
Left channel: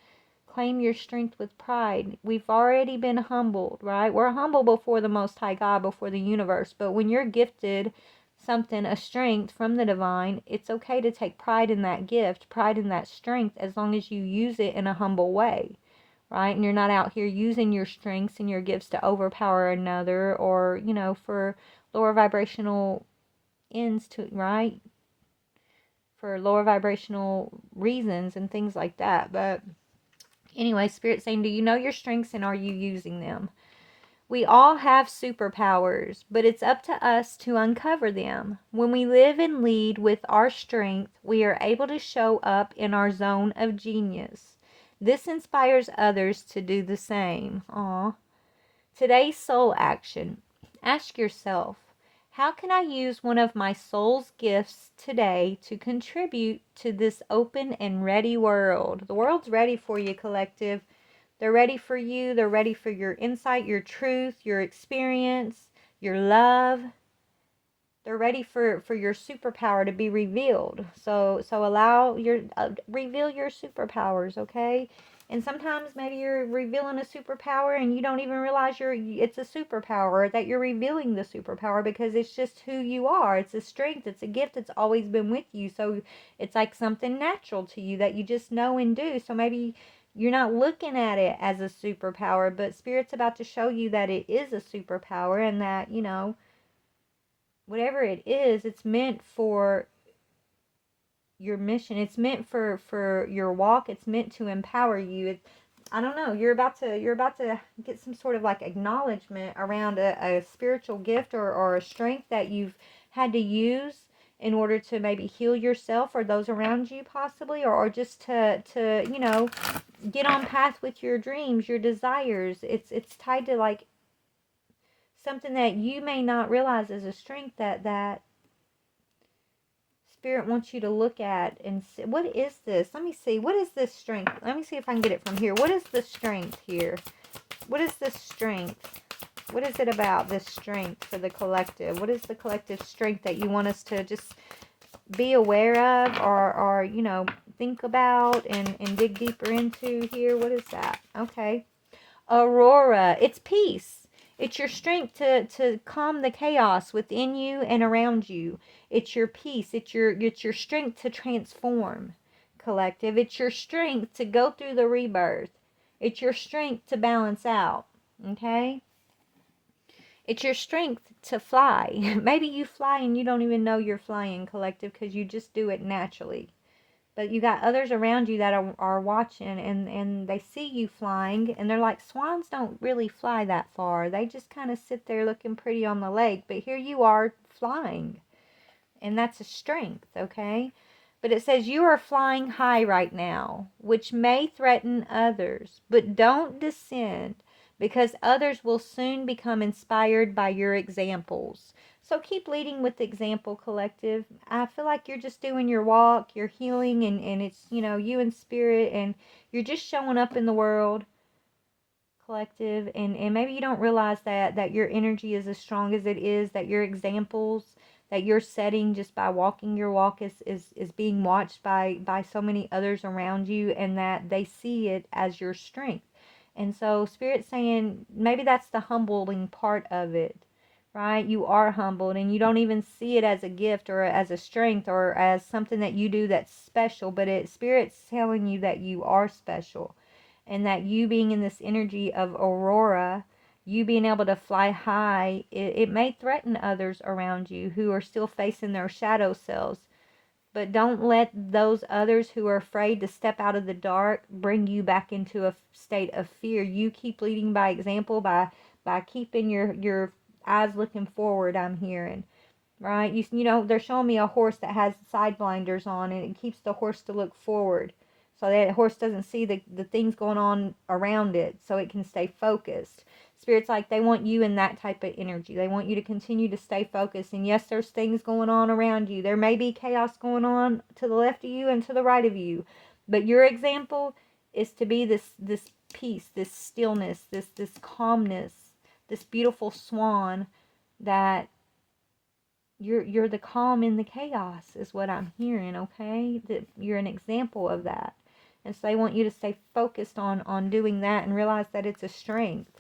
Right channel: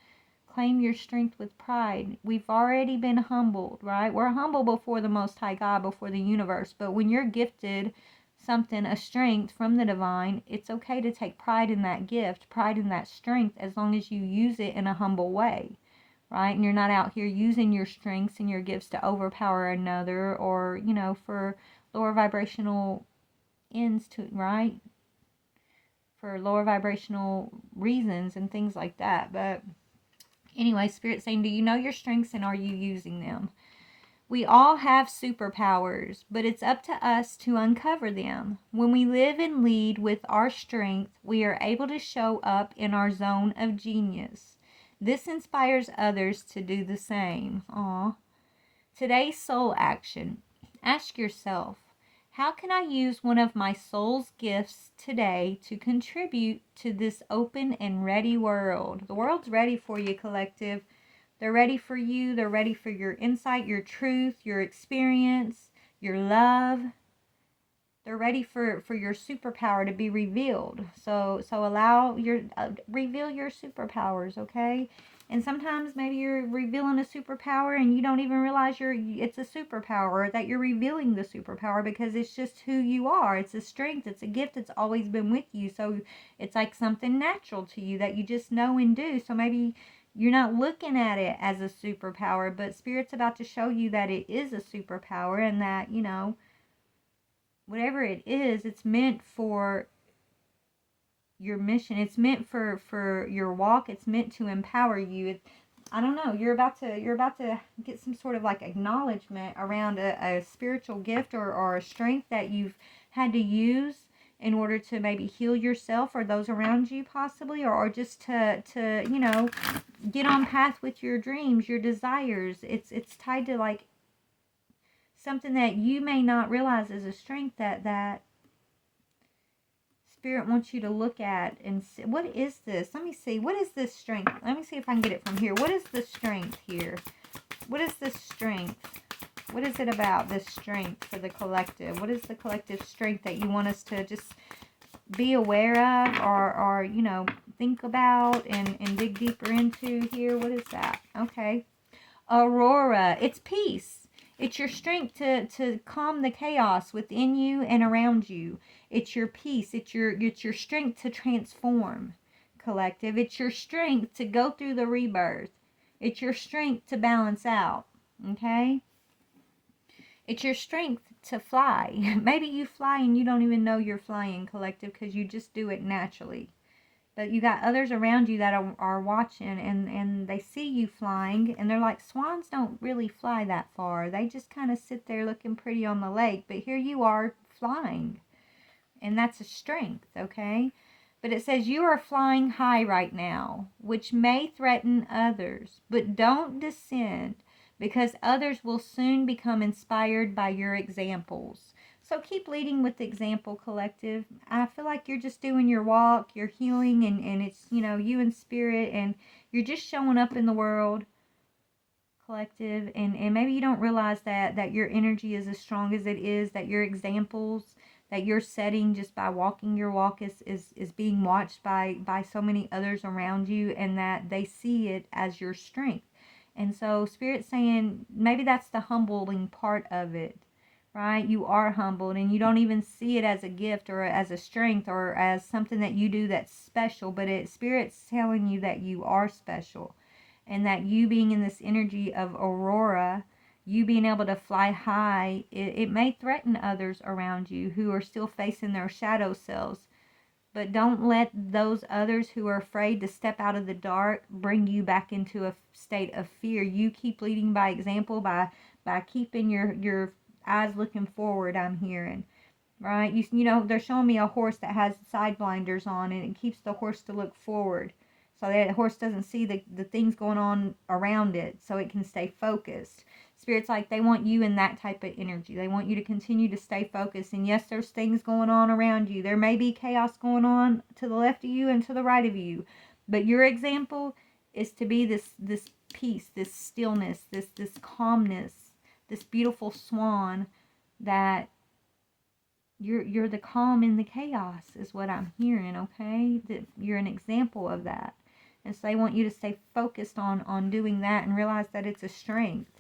Claim your strength with pride. We've already been humbled, right? We're humble before the Most High God, before the universe. But when you're gifted something, a strength from the divine, it's okay to take pride in that gift, pride in that strength, as long as you use it in a humble way, right? And you're not out here using your strengths and your gifts to overpower another, or for lower vibrational ends, to right, for lower vibrational reasons and things like that. But anyway, spirit's saying, do you know your strengths, and are you using them? We all have superpowers, but it's up to us to uncover them. When we live and lead with our strength, we are able to show up in our zone of genius. This inspires others to do the same. Aww. Today's soul action. Ask yourself, how can I use one of my soul's gifts today to contribute to this open and ready world? The world's ready for you, collective. They're ready for you. They're ready for your insight, your truth, your experience, your love. They're ready for your superpower to be revealed. So allow reveal your superpowers, okay? And sometimes maybe you're revealing a superpower and you don't even realize it's a superpower, or that you're revealing the superpower, because it's just who you are. It's a strength. It's a gift that's always been with you. So it's like something natural to you that you just know and do. So maybe you're not looking at it as a superpower, but spirit's about to show you that it is a superpower, and that, whatever it is, it's meant for your mission. It's meant for your walk. It's meant to empower you. I don't know. You're about to get some sort of like acknowledgement around a spiritual gift or a strength that you've had to use in order to maybe heal yourself or those around you, possibly, or just to get on path with your dreams, your desires. It's tied to like something that you may not realize is a strength that Spirit wants you to look at and see. What is this? Let me see. What is this strength? Let me see if I can get it from here. What is the strength here? What is this strength? What is it about this strength for the collective? What is the collective strength that you want us to just be aware of, or you know, think about and dig deeper into here? What is that? Okay. Aurora. It's peace. It's your strength to calm the chaos within you and around you. It's your peace. It's your strength to transform, collective. It's your strength to go through the rebirth. It's your strength to balance out. Okay? It's your strength to fly. Maybe you fly and you don't even know you're flying, collective, because you just do it naturally. But you got others around you that are watching, and they see you flying, and they're like, swans don't really fly that far. They just kind of sit there looking pretty on the lake. But here you are flying, and that's a strength, okay? But it says you are flying high right now, which may threaten others, but don't descend, because others will soon become inspired by your examples. So keep leading with example, collective. I feel like you're just doing your walk, you're healing, and it's, you know, you in spirit, and you're just showing up in the world, collective, and maybe you don't realize that your energy is as strong as it is, that your examples that you're setting just by walking your walk is being watched by so many others around you, and that they see it as your strength. And so Spirit's saying maybe that's the humbling part of it, right? You are humbled and you don't even see it as a gift or as a strength or as something that you do that's special, but Spirit's telling you that you are special, and that you being in this energy of aurora, you being able to fly high, it may threaten others around you who are still facing their shadow selves. But don't let those others who are afraid to step out of the dark bring you back into a state of fear. You keep leading by example, by keeping your eyes looking forward, I'm hearing. Right? You know, they're showing me a horse that has side blinders on, and it keeps the horse to look forward, so that horse doesn't see the things going on around it, so it can stay focused. Spirit's like, they want you in that type of energy. They want you to continue to stay focused. And yes, there's things going on around you. There may be chaos going on to the left of you and to the right of you. But your example is to be this peace, this stillness, this calmness, this beautiful swan that you're the calm in the chaos is what I'm hearing, okay? That you're an example of that. And so they want you to stay focused on doing that and realize that it's a strength.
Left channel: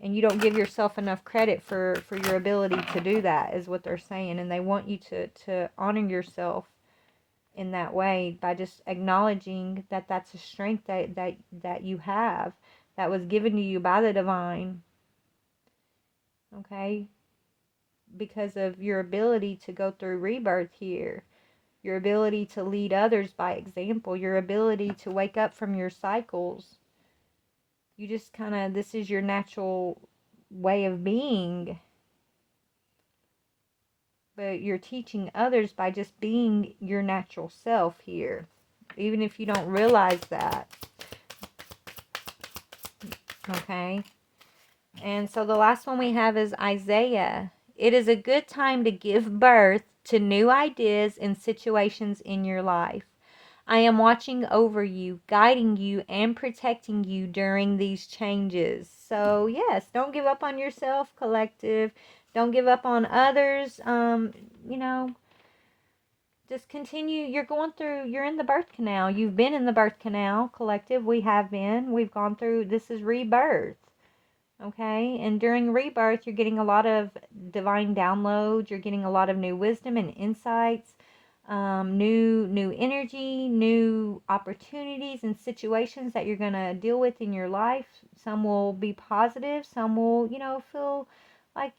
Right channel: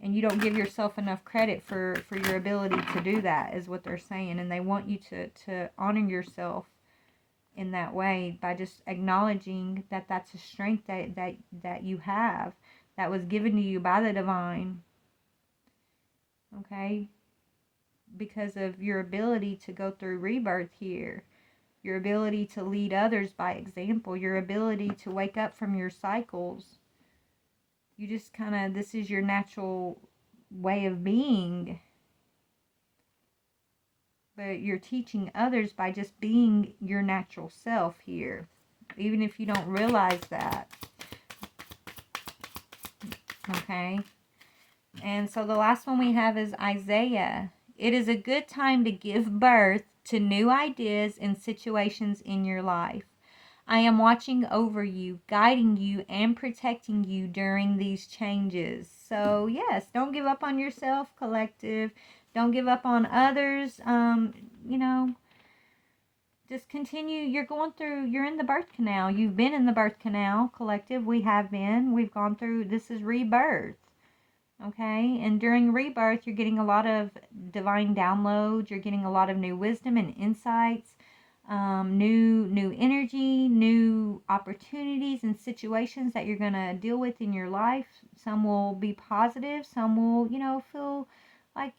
And you don't give yourself enough credit for your ability to do that, is what they're saying. And they want you to honor yourself in that way by just acknowledging that that's a strength that you have, that was given to you by the divine, okay? Because of your ability to go through rebirth here, your ability to lead others by example, your ability to wake up from your cycles. You just kind of, this is your natural way of being. But you're teaching others by just being your natural self here, even if you don't realize that. Okay? And so the last one we have is Isaiah. It is a good time to give birth to new ideas and situations in your life. I am watching over you, guiding you, and protecting you during these changes. So, yes, don't give up on yourself, collective. Don't give up on others. You know, just continue. You're in the birth canal. You've been in the birth canal, collective. We have been. We've gone through, this is rebirth. Okay, and during rebirth, you're getting a lot of divine downloads. You're getting a lot of new wisdom and insights, new energy, new opportunities and situations that you're going to deal with in your life. Some will be positive. Some will, you know, feel like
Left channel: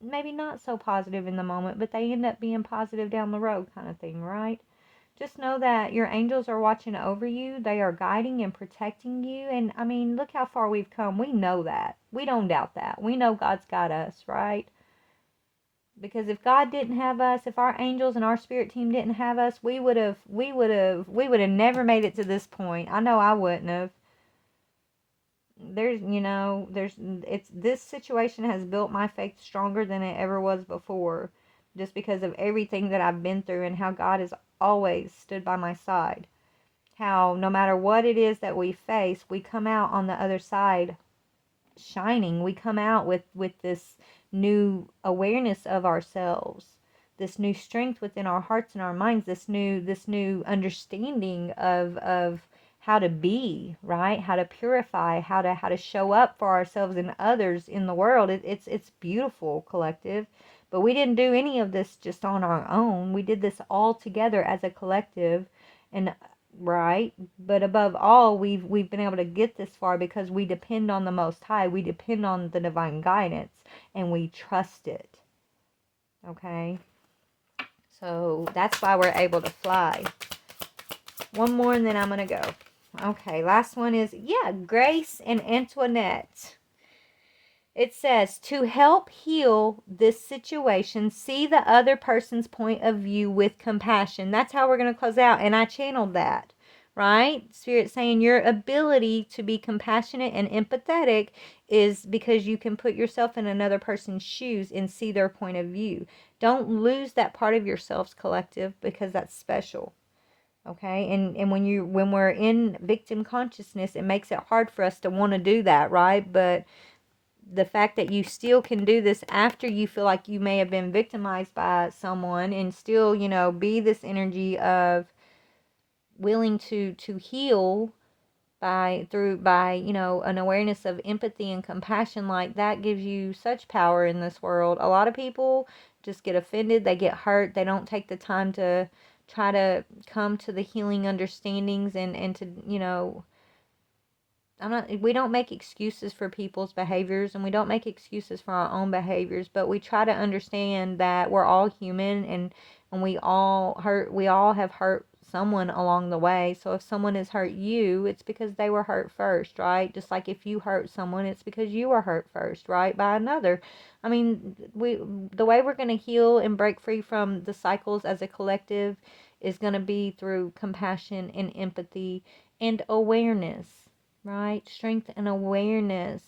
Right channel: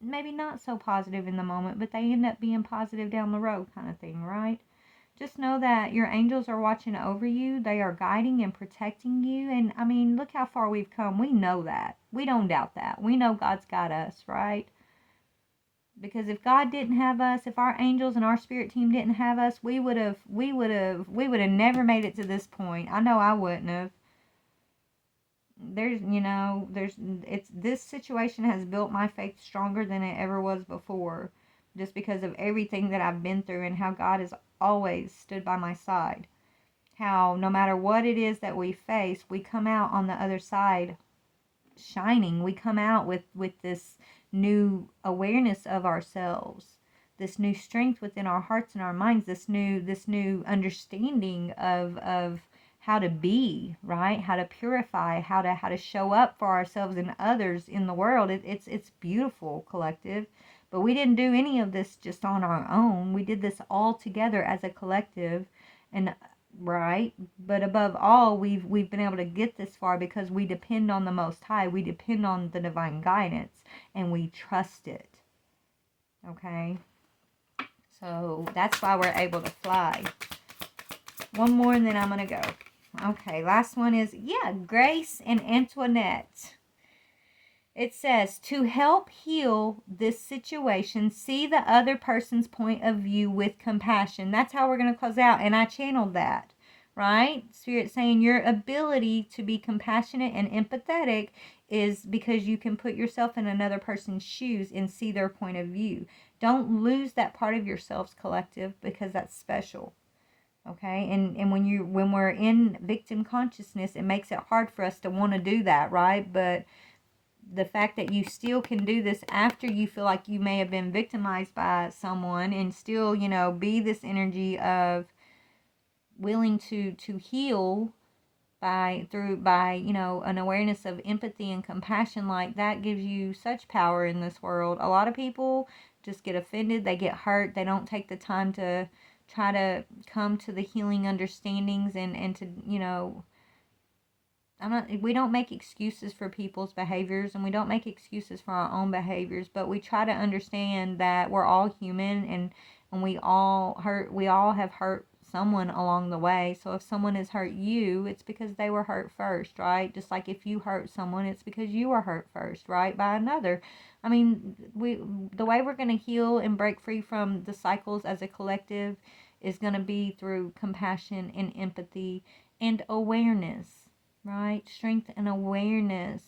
maybe not so positive in the moment, but they end up being positive down the road, kind of thing, right? Just know that your angels are watching over you. They are guiding and protecting you. And I mean, look how far we've come. We know that. We don't doubt that. We know God's got us, right? Because if God didn't have us, if our angels and our spirit team didn't have us, we would have never made it to this point. I know I wouldn't have. this situation has built my faith stronger than it ever was before, just because of everything that I've been through and how God has always stood by my side. How no matter what it is that we face, we come out on the other side shining. We come out with this new awareness of ourselves, this new strength within our hearts and our minds, this new understanding of how to be, right, how to purify, how to show up for ourselves and others in the world. It's beautiful, collective. But we didn't do any of this just on our own. We did this all together as a collective. And right, but above all, we've been able to get this far because we depend on the Most High. We depend on the divine guidance, and we trust it. Okay, so that's why we're able to fly. One more and then I'm gonna go. Okay, last one is, Grace and Antoinette. It says, to help heal this situation, see the other person's point of view with compassion. That's how we're going to close out. And I channeled that, right? Spirit saying your ability to be compassionate and empathetic is because you can put yourself in another person's shoes and see their point of view. Don't lose that part of yourselves, collective, because that's special. Okay, and when we're in victim consciousness, it makes it hard for us to want to do that, right? But the fact that you still can do this after you feel like you may have been victimized by someone, and still, be this energy of willing to heal by an awareness of empathy and compassion, like that gives you such power in this world. A lot of people just get offended, they get hurt, they don't take the time to try to come to the healing understandings and to, we don't make excuses for people's behaviors, and we don't make excuses for our own behaviors, but we try to understand that we're all human, and we all have hurt someone along the way. So if someone has hurt you, it's because they were hurt first, right? Just like if you hurt someone, it's because you were hurt first, right? By another. I mean, the way we're going to heal and break free from the cycles as a collective is going to be through compassion and empathy and awareness. Right? Strength and awareness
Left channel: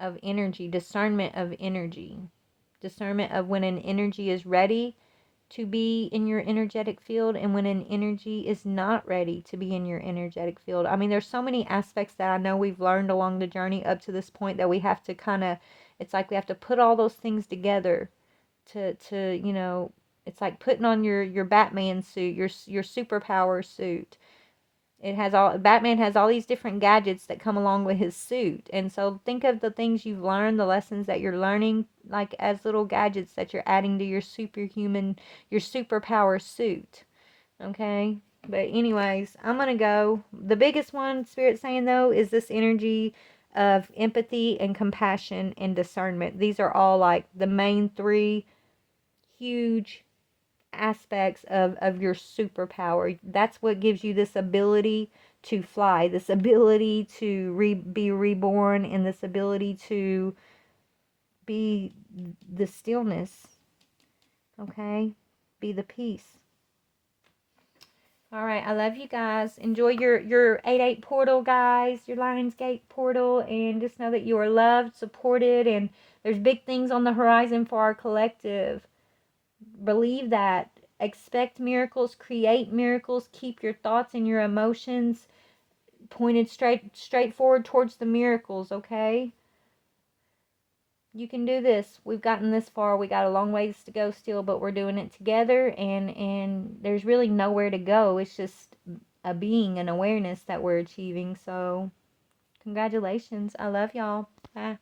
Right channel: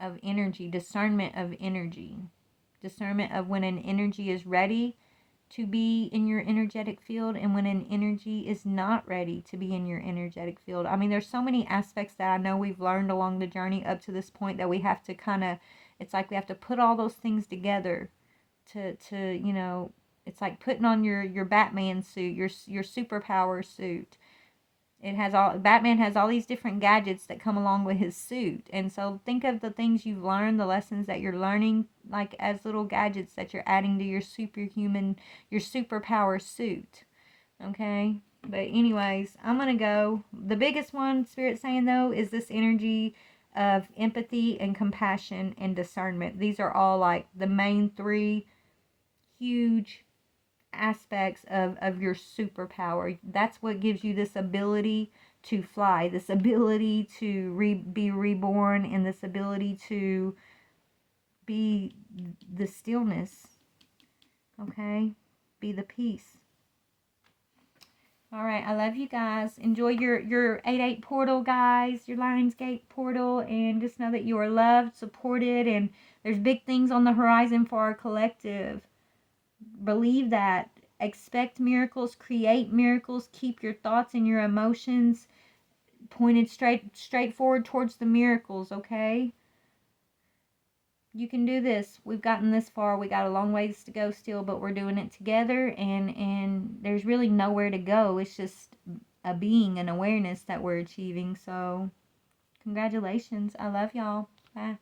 of energy, discernment of energy, discernment of when an energy is ready to be in your energetic field and when an energy is not ready to be in your energetic field. I mean, there's so many aspects that I know we've learned along the journey up to this point that we have to it's like we have to put all those things together to it's like putting on your Batman suit, your superpower suit. Batman has all these different gadgets that come along with his suit. And so think of the things you've learned, the lessons that you're learning, like as little gadgets that you're adding to your superpower suit. Okay? But anyways, I'm going to go. The biggest one, Spirit saying though, is this energy of empathy and compassion and discernment. These are all like the main three huge aspects of your superpower. That's what gives you this ability to fly, this ability to be reborn, and this ability to be the stillness. Okay? Be the peace. All right, I love you guys. Enjoy your 8/8 portal, guys, your Lionsgate portal, and just know that you are loved, supported, and there's big things on the horizon for our collective. Believe that. Expect miracles, create miracles, keep your thoughts and your emotions pointed straight forward towards the miracles, okay? You can do this. We've gotten this far. We got a long ways to go still, but we're doing it together, and there's really nowhere to go. It's just a being, an awareness that we're achieving. So congratulations. I love y'all. Bye.